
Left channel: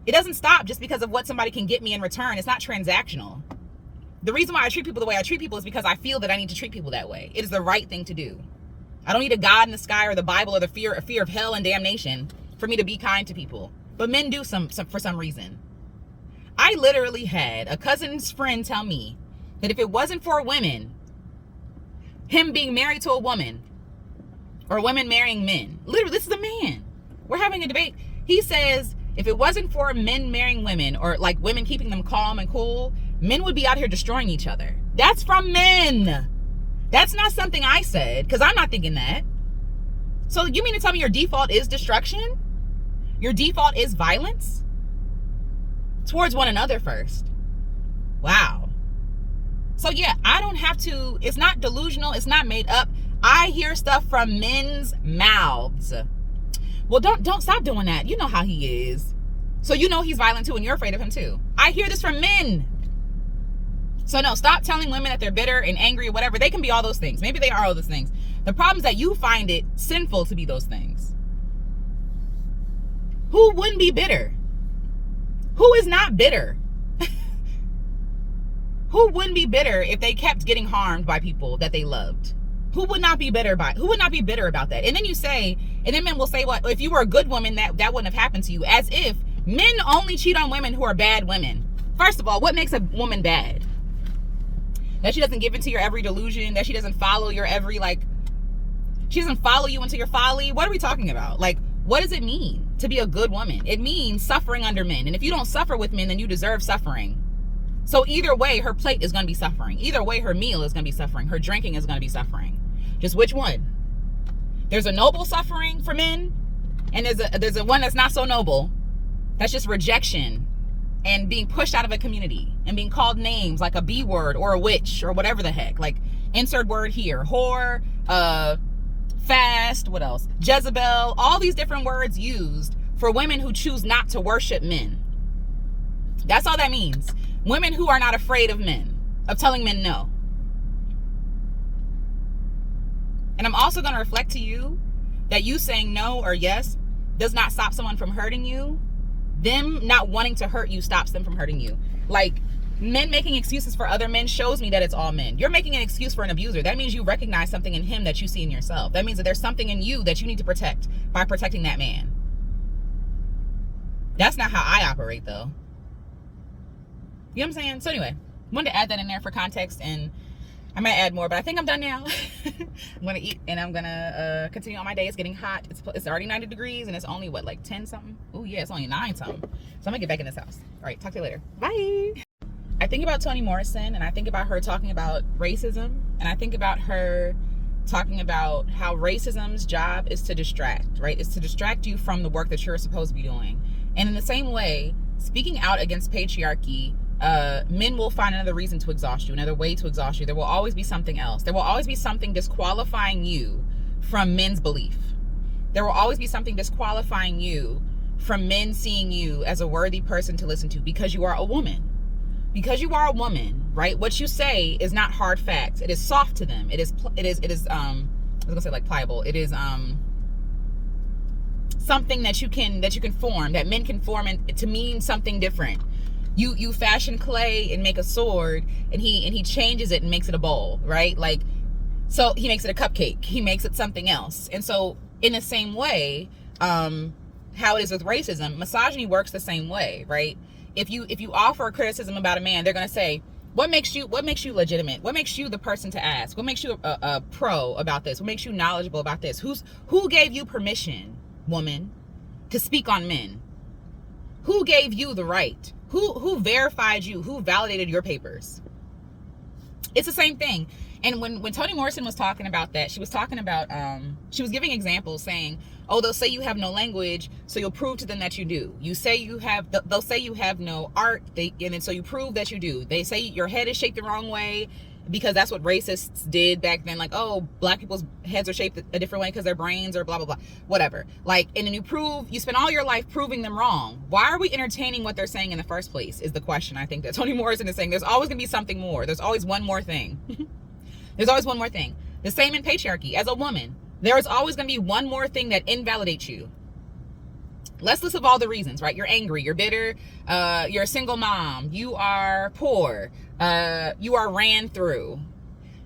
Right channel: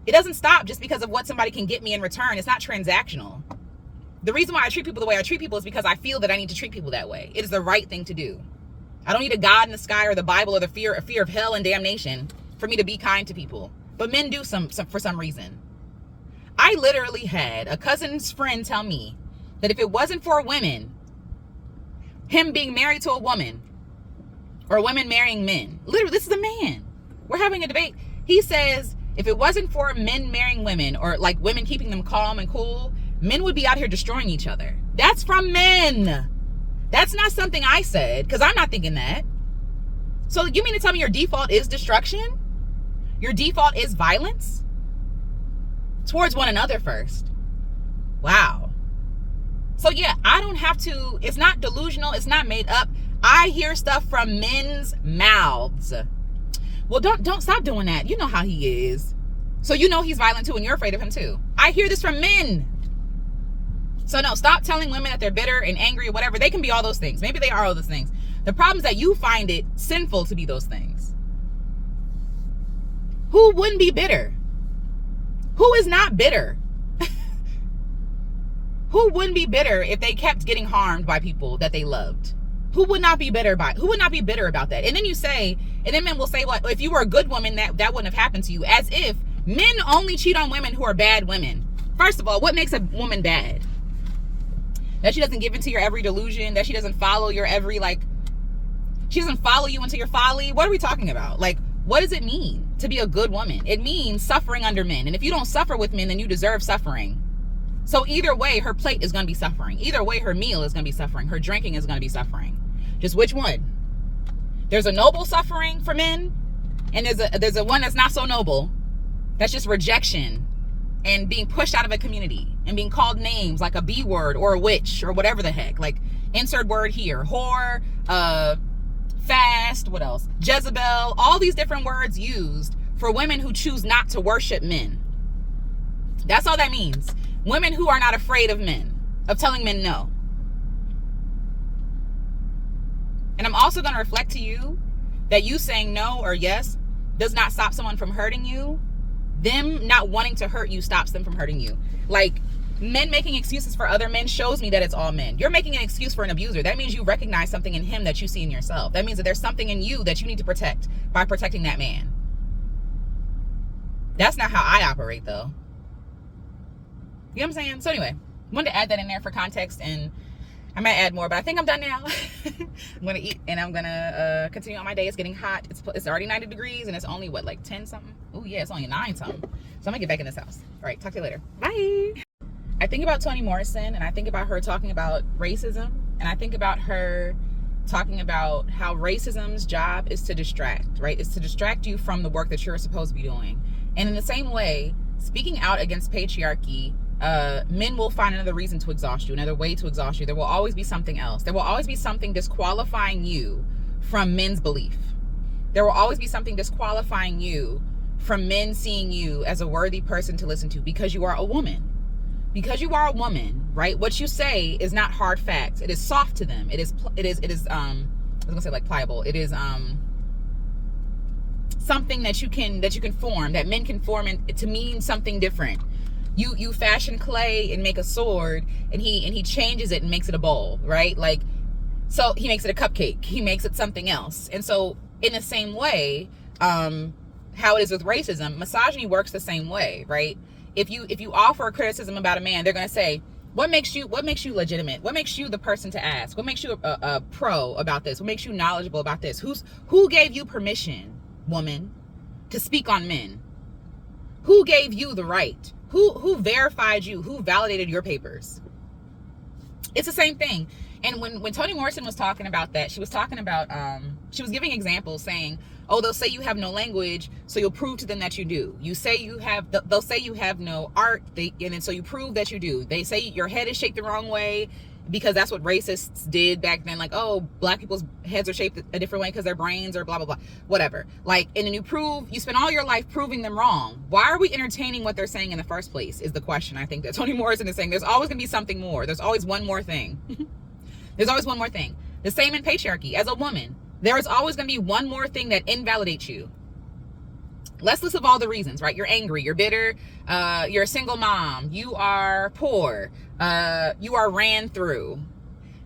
It doesn't stop just because of what somebody can get me in return. It's not transactional. The reason why I treat people the way I treat people is because I feel that I need to treat people that way. It is the right thing to do. I don't need a God in the sky or the Bible or the fear of hell and damnation for me to be kind to people. But men do some for some reason. I literally had a cousin's friend tell me that if it wasn't for women, him being married to a woman, or women marrying men. Literally, this is a man. We're having a debate. He says, if it wasn't for men marrying women, or like women keeping them calm and cool, men would be out here destroying each other. That's from men. That's not something I said, because I'm not thinking that. So you mean to tell me your default is destruction? Your default is violence? Towards one another first. Wow. So yeah, I don't have to, it's not delusional, it's not made up. I hear stuff from men's mouths. Well, don't stop doing that. You know how he is. So you know he's violent too, and you're afraid of him too. I hear this from men. So no, stop telling women that they're bitter and angry or whatever. They can be all those things. Maybe they are all those things. The problem is that you find it sinful to be those things. Who wouldn't be bitter? Who is not bitter? Who wouldn't be bitter if they kept getting harmed by people that they loved? Who would not be bitter about that? And then you say, and then men will say, well, if you were a good woman, that wouldn't have happened to you. As if men only cheat on women who are bad women. First of all, what makes a woman bad? That she doesn't give into your every delusion, that she doesn't follow your every, she doesn't follow you into your folly. What are we talking about? What does it mean to be a good woman? It means suffering under men. And if you don't suffer with men, then you deserve suffering. So either way, her plate is going to be suffering. Either way, her meal is going to be suffering. Her drinking is going to be suffering. Just which one? There's a noble suffering for men, and there's a one that's not so noble. That's just rejection and being pushed out of a community and being called names like a B word or a witch or whatever the heck. Insert word here. Whore, fast, what else? Jezebel, all these different words used for women who choose not to worship men. That's all that means. Women who are not afraid of men, of telling men no. And I'm also going to reflect to you that you saying no or yes does not stop someone from hurting you. Them not wanting to hurt you stops them from hurting you. Men making excuses for other men shows me that it's all men. You're making an excuse for an abuser. That means you recognize something in him that you see in yourself. That means that there's something in you that you need to protect by protecting that man. That's not how I operate, though. You know what I'm saying? So anyway, wanted to add that in there for context, and I might add more, but I think I'm done now. I'm gonna eat and I'm gonna continue on my day. It's getting hot. It's already 90 degrees and it's only what, like 10 something? Oh yeah, it's only 9 something. So I'm gonna get back in this house. All right, talk to you later. Bye. I think about Toni Morrison and I think about her talking about racism, and I think about her talking about how racism's job is to distract, right? It's to distract you from the work that you're supposed to be doing. And in the same way, speaking out against patriarchy, men will find another reason to exhaust you, another way to exhaust you. There will always be something else. There will always be something disqualifying you from men's belief. There will always be something disqualifying you from men seeing you as a worthy person to listen to because you are a woman. Because you are a woman, right? What you say is not hard facts. It is soft to them. It is I was gonna say like pliable. It is something that you can form, that men can form to mean something different. You fashion clay and make a sword, and he changes it and makes it a bowl, right? Like, so he makes it a cupcake. He makes it something else. And so in the same way, how it is with racism, misogyny works the same way, right? If you offer a criticism about a man, they're gonna say, what makes you legitimate? What makes you the person to ask? What makes you a pro about this? What makes you knowledgeable about this? Who gave you permission, woman, to speak on men? Who gave you the right? Who verified you? Who validated your papers? It's the same thing. And when Toni Morrison was talking about that, she was talking about she was giving examples saying, oh, they'll say you have no language, so you'll prove to them that you do. They'll say you have no art, and then so you prove that you do. They say your head is shaped the wrong way because that's what racists did back then. Like, oh, black people's heads are shaped a different way because their brains are blah, blah, blah, whatever. Like, and then you spend all your life proving them wrong. Why are we entertaining what they're saying in the first place is the question I think that Toni Morrison is saying. There's always gonna be something more. There's always one more thing. There's always one more thing. The same in patriarchy. As a woman, there is always going to be one more thing that invalidates you. Let's list of all the reasons, right? You're angry, you're bitter, you're a single mom, you are poor, you are ran through.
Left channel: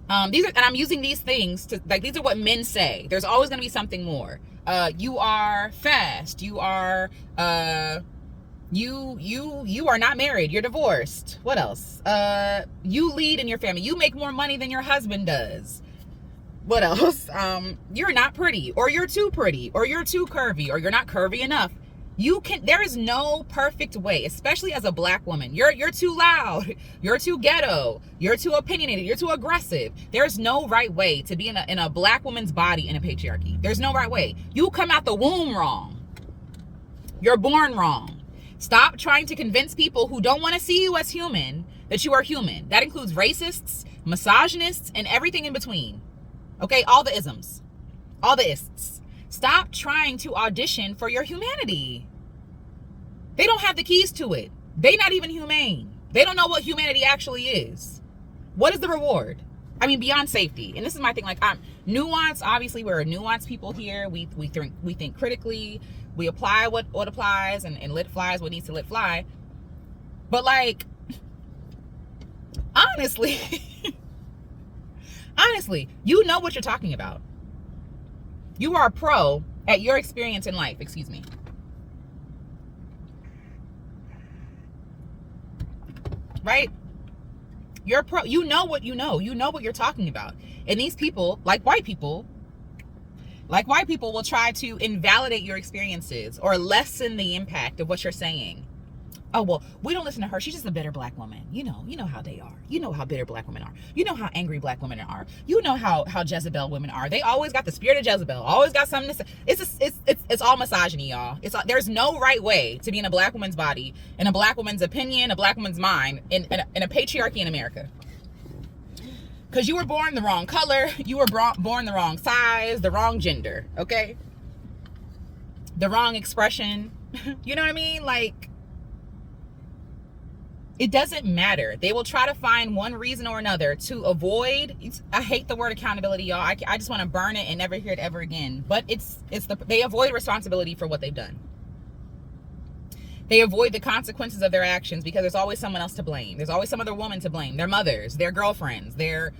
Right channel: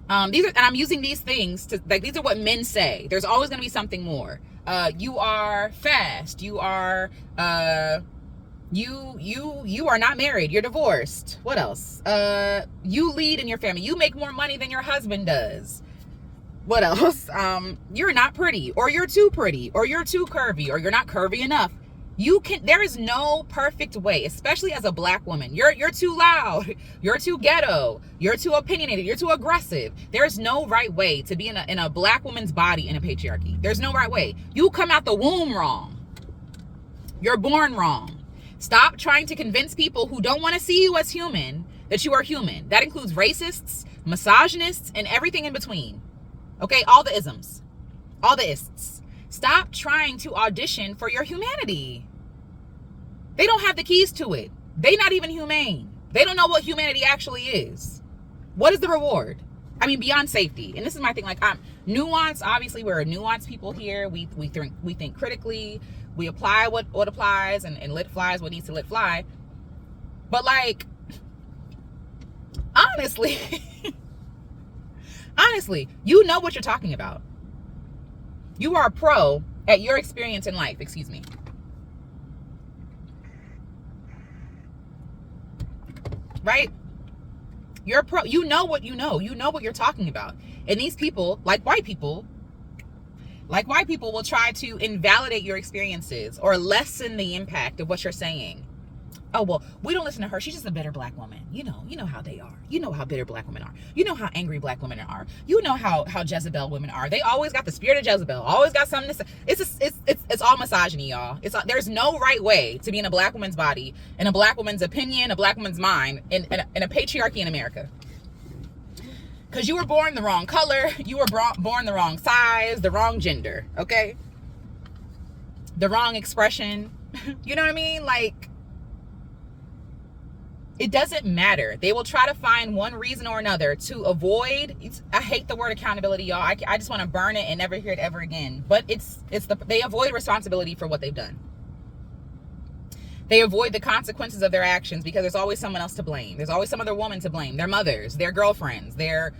And I'm using these things to, like, these are what men say. There's always going to be something more. You are fast, you are you are not married, you're divorced. What else? You lead in your family, you make more money than your husband does. What else? You're not pretty, or you're too pretty, or you're too curvy, or you're not curvy enough. There is no perfect way, especially as a black woman. You're too loud, you're too ghetto, you're too opinionated, you're too aggressive. There's no right way to be in a black woman's body in a patriarchy. There's no right way. You come out the womb wrong. You're born wrong. Stop trying to convince people who don't want to see you as human that you are human. That includes racists, misogynists, and everything in between. Okay, all the isms, all the ists. Stop trying to audition for your humanity. They don't have the keys to it. They're not even humane. They don't know what humanity actually is. What is the reward? I mean, beyond safety. And this is my thing. Like, I'm nuanced. Obviously, we're a nuanced people here. We think critically. We apply what applies and let flies what needs to let fly. But like, honestly. Honestly, you know what you're talking about. You are a pro at your experience in life. Excuse me. Right? You're a pro. You know what you know. You know what you're talking about. And these people, like white people, will try to invalidate your experiences or lessen the impact of what you're saying. Oh, well, we don't listen to her. She's just a bitter black woman. You know how they are. You know how bitter black women are. You know how angry black women are. You know how Jezebel women are. They always got the spirit of Jezebel. Always got something to say. It's all misogyny, y'all. There's no right way to be in a black woman's body, in a black woman's opinion, a black woman's mind, in a patriarchy in America. Because you were born the wrong color. You were born the wrong size, the wrong gender, okay? The wrong expression. You know what I mean? Like, it doesn't matter. They will try to find one reason or another to avoid. I hate the word accountability, y'all. I just want to burn it and never hear it ever again. But they avoid responsibility for what they've done. They avoid the consequences of their actions because there's always someone else to blame. There's always some other woman to blame. Their mothers, their girlfriends, their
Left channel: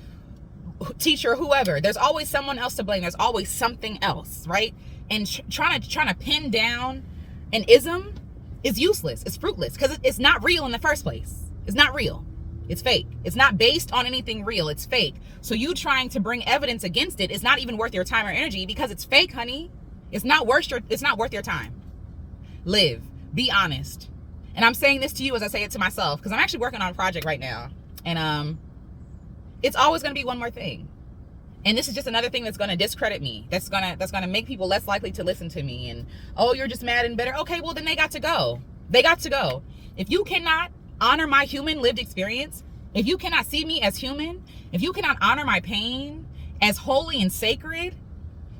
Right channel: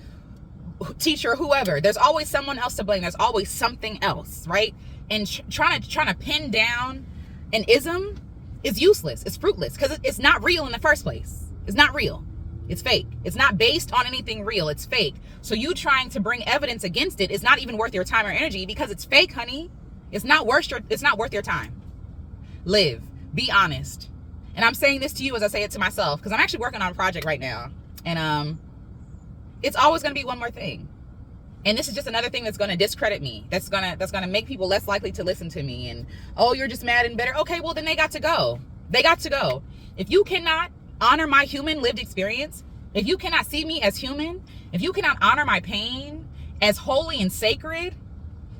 teacher, whoever. There's always someone else to blame. There's always something else, right? And trying to pin down an ism is useless. It's fruitless because it's not real in the first place. It's not real. It's fake. It's not based on anything real. It's fake. So you trying to bring evidence against it is not even worth your time or energy because it's fake, honey. It's not worth your time. Live. Be honest. And I'm saying this to you as I say it to myself because I'm actually working on a project right now. And it's always going to be one more thing. And this is just another thing that's going to discredit me. That's going to make people less likely to listen to me. And, oh, you're just mad and bitter. Okay, well, then they got to go. They got to go. If you cannot honor my human lived experience, if you cannot see me as human, if you cannot honor my pain as holy and sacred,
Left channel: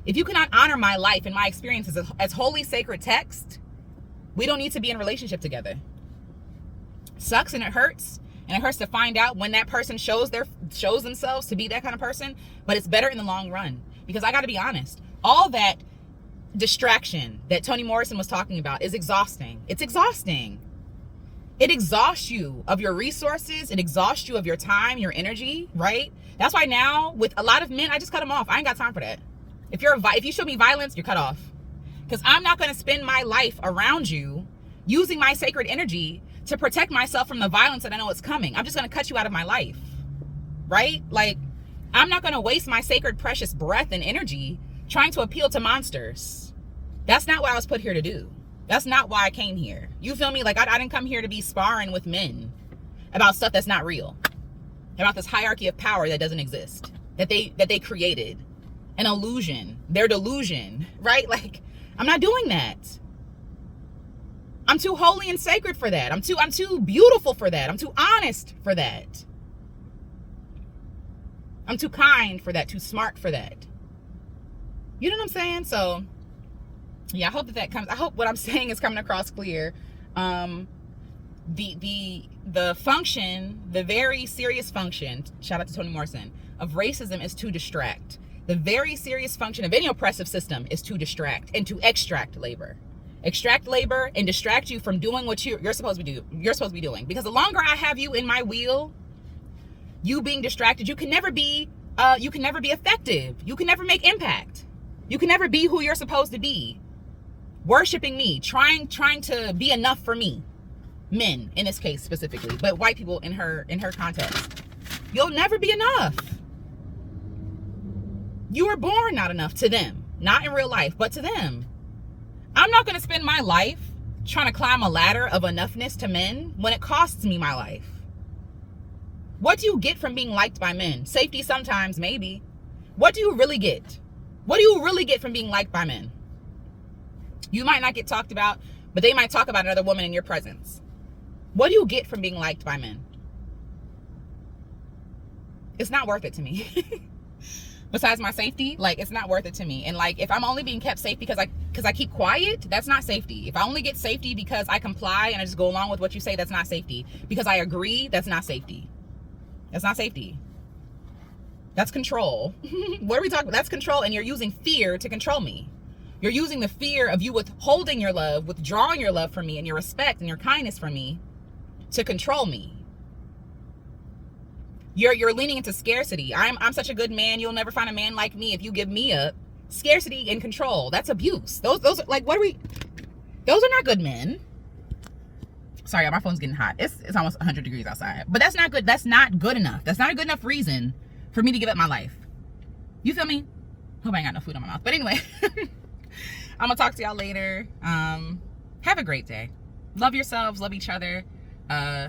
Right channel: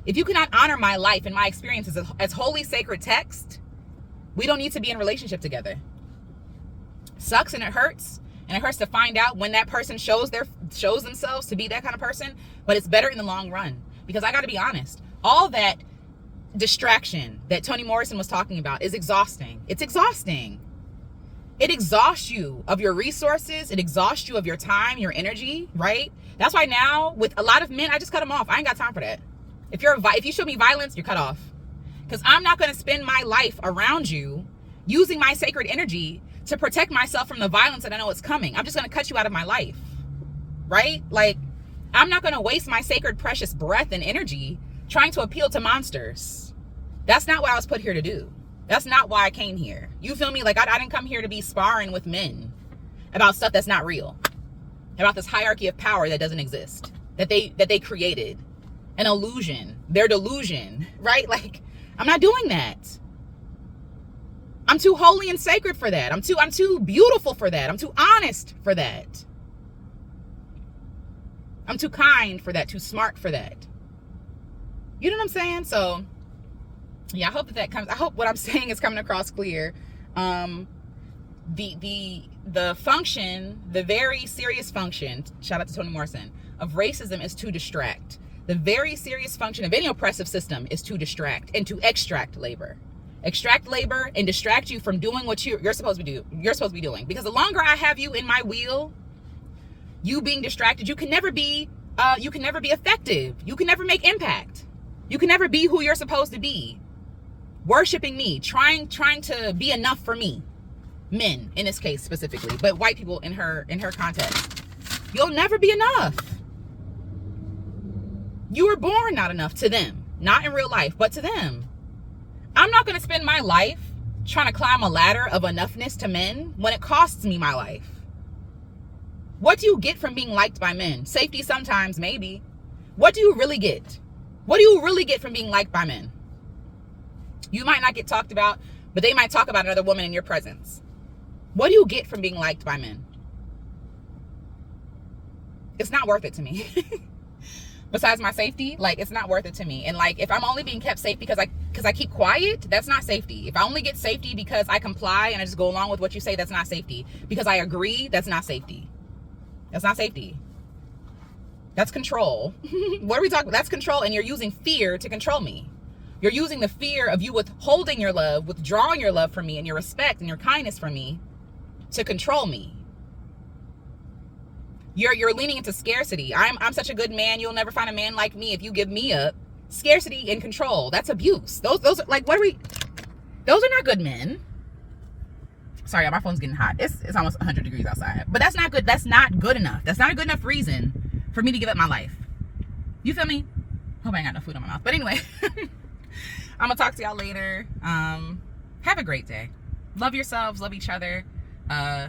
if you cannot honor my life and my experiences as holy, sacred text, we don't need to be in a relationship together. Sucks and it hurts. And it hurts to find out when that person shows themselves to be that kind of person. But it's better in the long run. Because I got to be honest. All that distraction that Toni Morrison was talking about is exhausting. It's exhausting. It exhausts you of your resources. It exhausts you of your time, your energy, right? That's why now with a lot of men, I just cut them off. I ain't got time for that. If you show me violence, you're cut off. Because I'm not going to spend my life around you using my sacred energy to protect myself from the violence that I know is coming. I'm just going to cut you out of my life, right? Like, I'm not going to waste my sacred, precious breath and energy trying to appeal to monsters. That's not what I was put here to do. That's not why I came here. You feel me? Like, I didn't come here to be sparring with men about stuff that's not real, about this hierarchy of power that doesn't exist, that they created, an illusion, their delusion, right? Like, I'm not doing that. I'm too holy and sacred for that. I'm too beautiful for that. I'm too honest for that. I'm too kind for that, too smart for that. You know what I'm saying? So, yeah, I hope what I'm saying is coming across clear. The function, the very serious function, shout out to Toni Morrison, of racism is to distract. The very serious function of any oppressive system is to distract and to extract labor. Extract labor and distract you from doing what you're supposed to be doing. Because the longer I have you in my wheel, you being distracted, you can never be effective. You can never make impact. You can never be who you're supposed to be. Worshiping me, trying to be enough for me. Men in this case specifically, but white people in her context. You'll never be enough. You were born not enough to them. Not in real life, but to them. I'm not going to spend my life trying to climb a ladder of enoughness to men when it costs me my life. What do you get from being liked by men? Safety sometimes, maybe. What do you really get? What do you really get from being liked by men? You might not get talked about, but they might talk about another woman in your presence. What do you get from being liked by men? It's not worth it to me. Besides my safety, like, it's not worth it to me. And like, if I'm only being kept safe because I keep quiet, that's not safety. If I only get safety because I comply and I just go along with what you say, that's not safety. Because I agree, that's not safety. That's not safety. That's control. What are we talking about? That's control, and you're using fear to control me. You're using the fear of you withholding your love, withdrawing your love from me and your respect and your kindness from me to control me. You're leaning into scarcity. I'm such a good man. You'll never find a man like me if you give me up. Scarcity and control. That's abuse. Those are like, those are not good men. Sorry, my phone's getting hot. It's almost 100 degrees outside. But that's not good. That's not good enough. That's not a good enough reason for me to give up my life. You feel me? Hope I ain't got no food in my mouth. But anyway, I'm gonna talk to y'all later. Have a great day. Love yourselves. Love each other.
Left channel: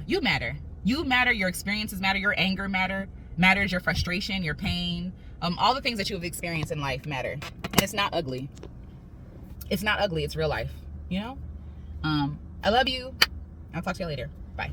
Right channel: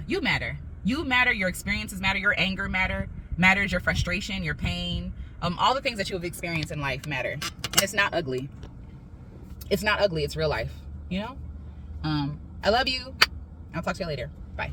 You matter. You matter. Your experiences matter. Your anger matters. Your frustration, your pain, all the things that you have experienced in life matter. And it's not ugly. It's not ugly. It's real life. You know. I love you. I'll talk to you later. Bye.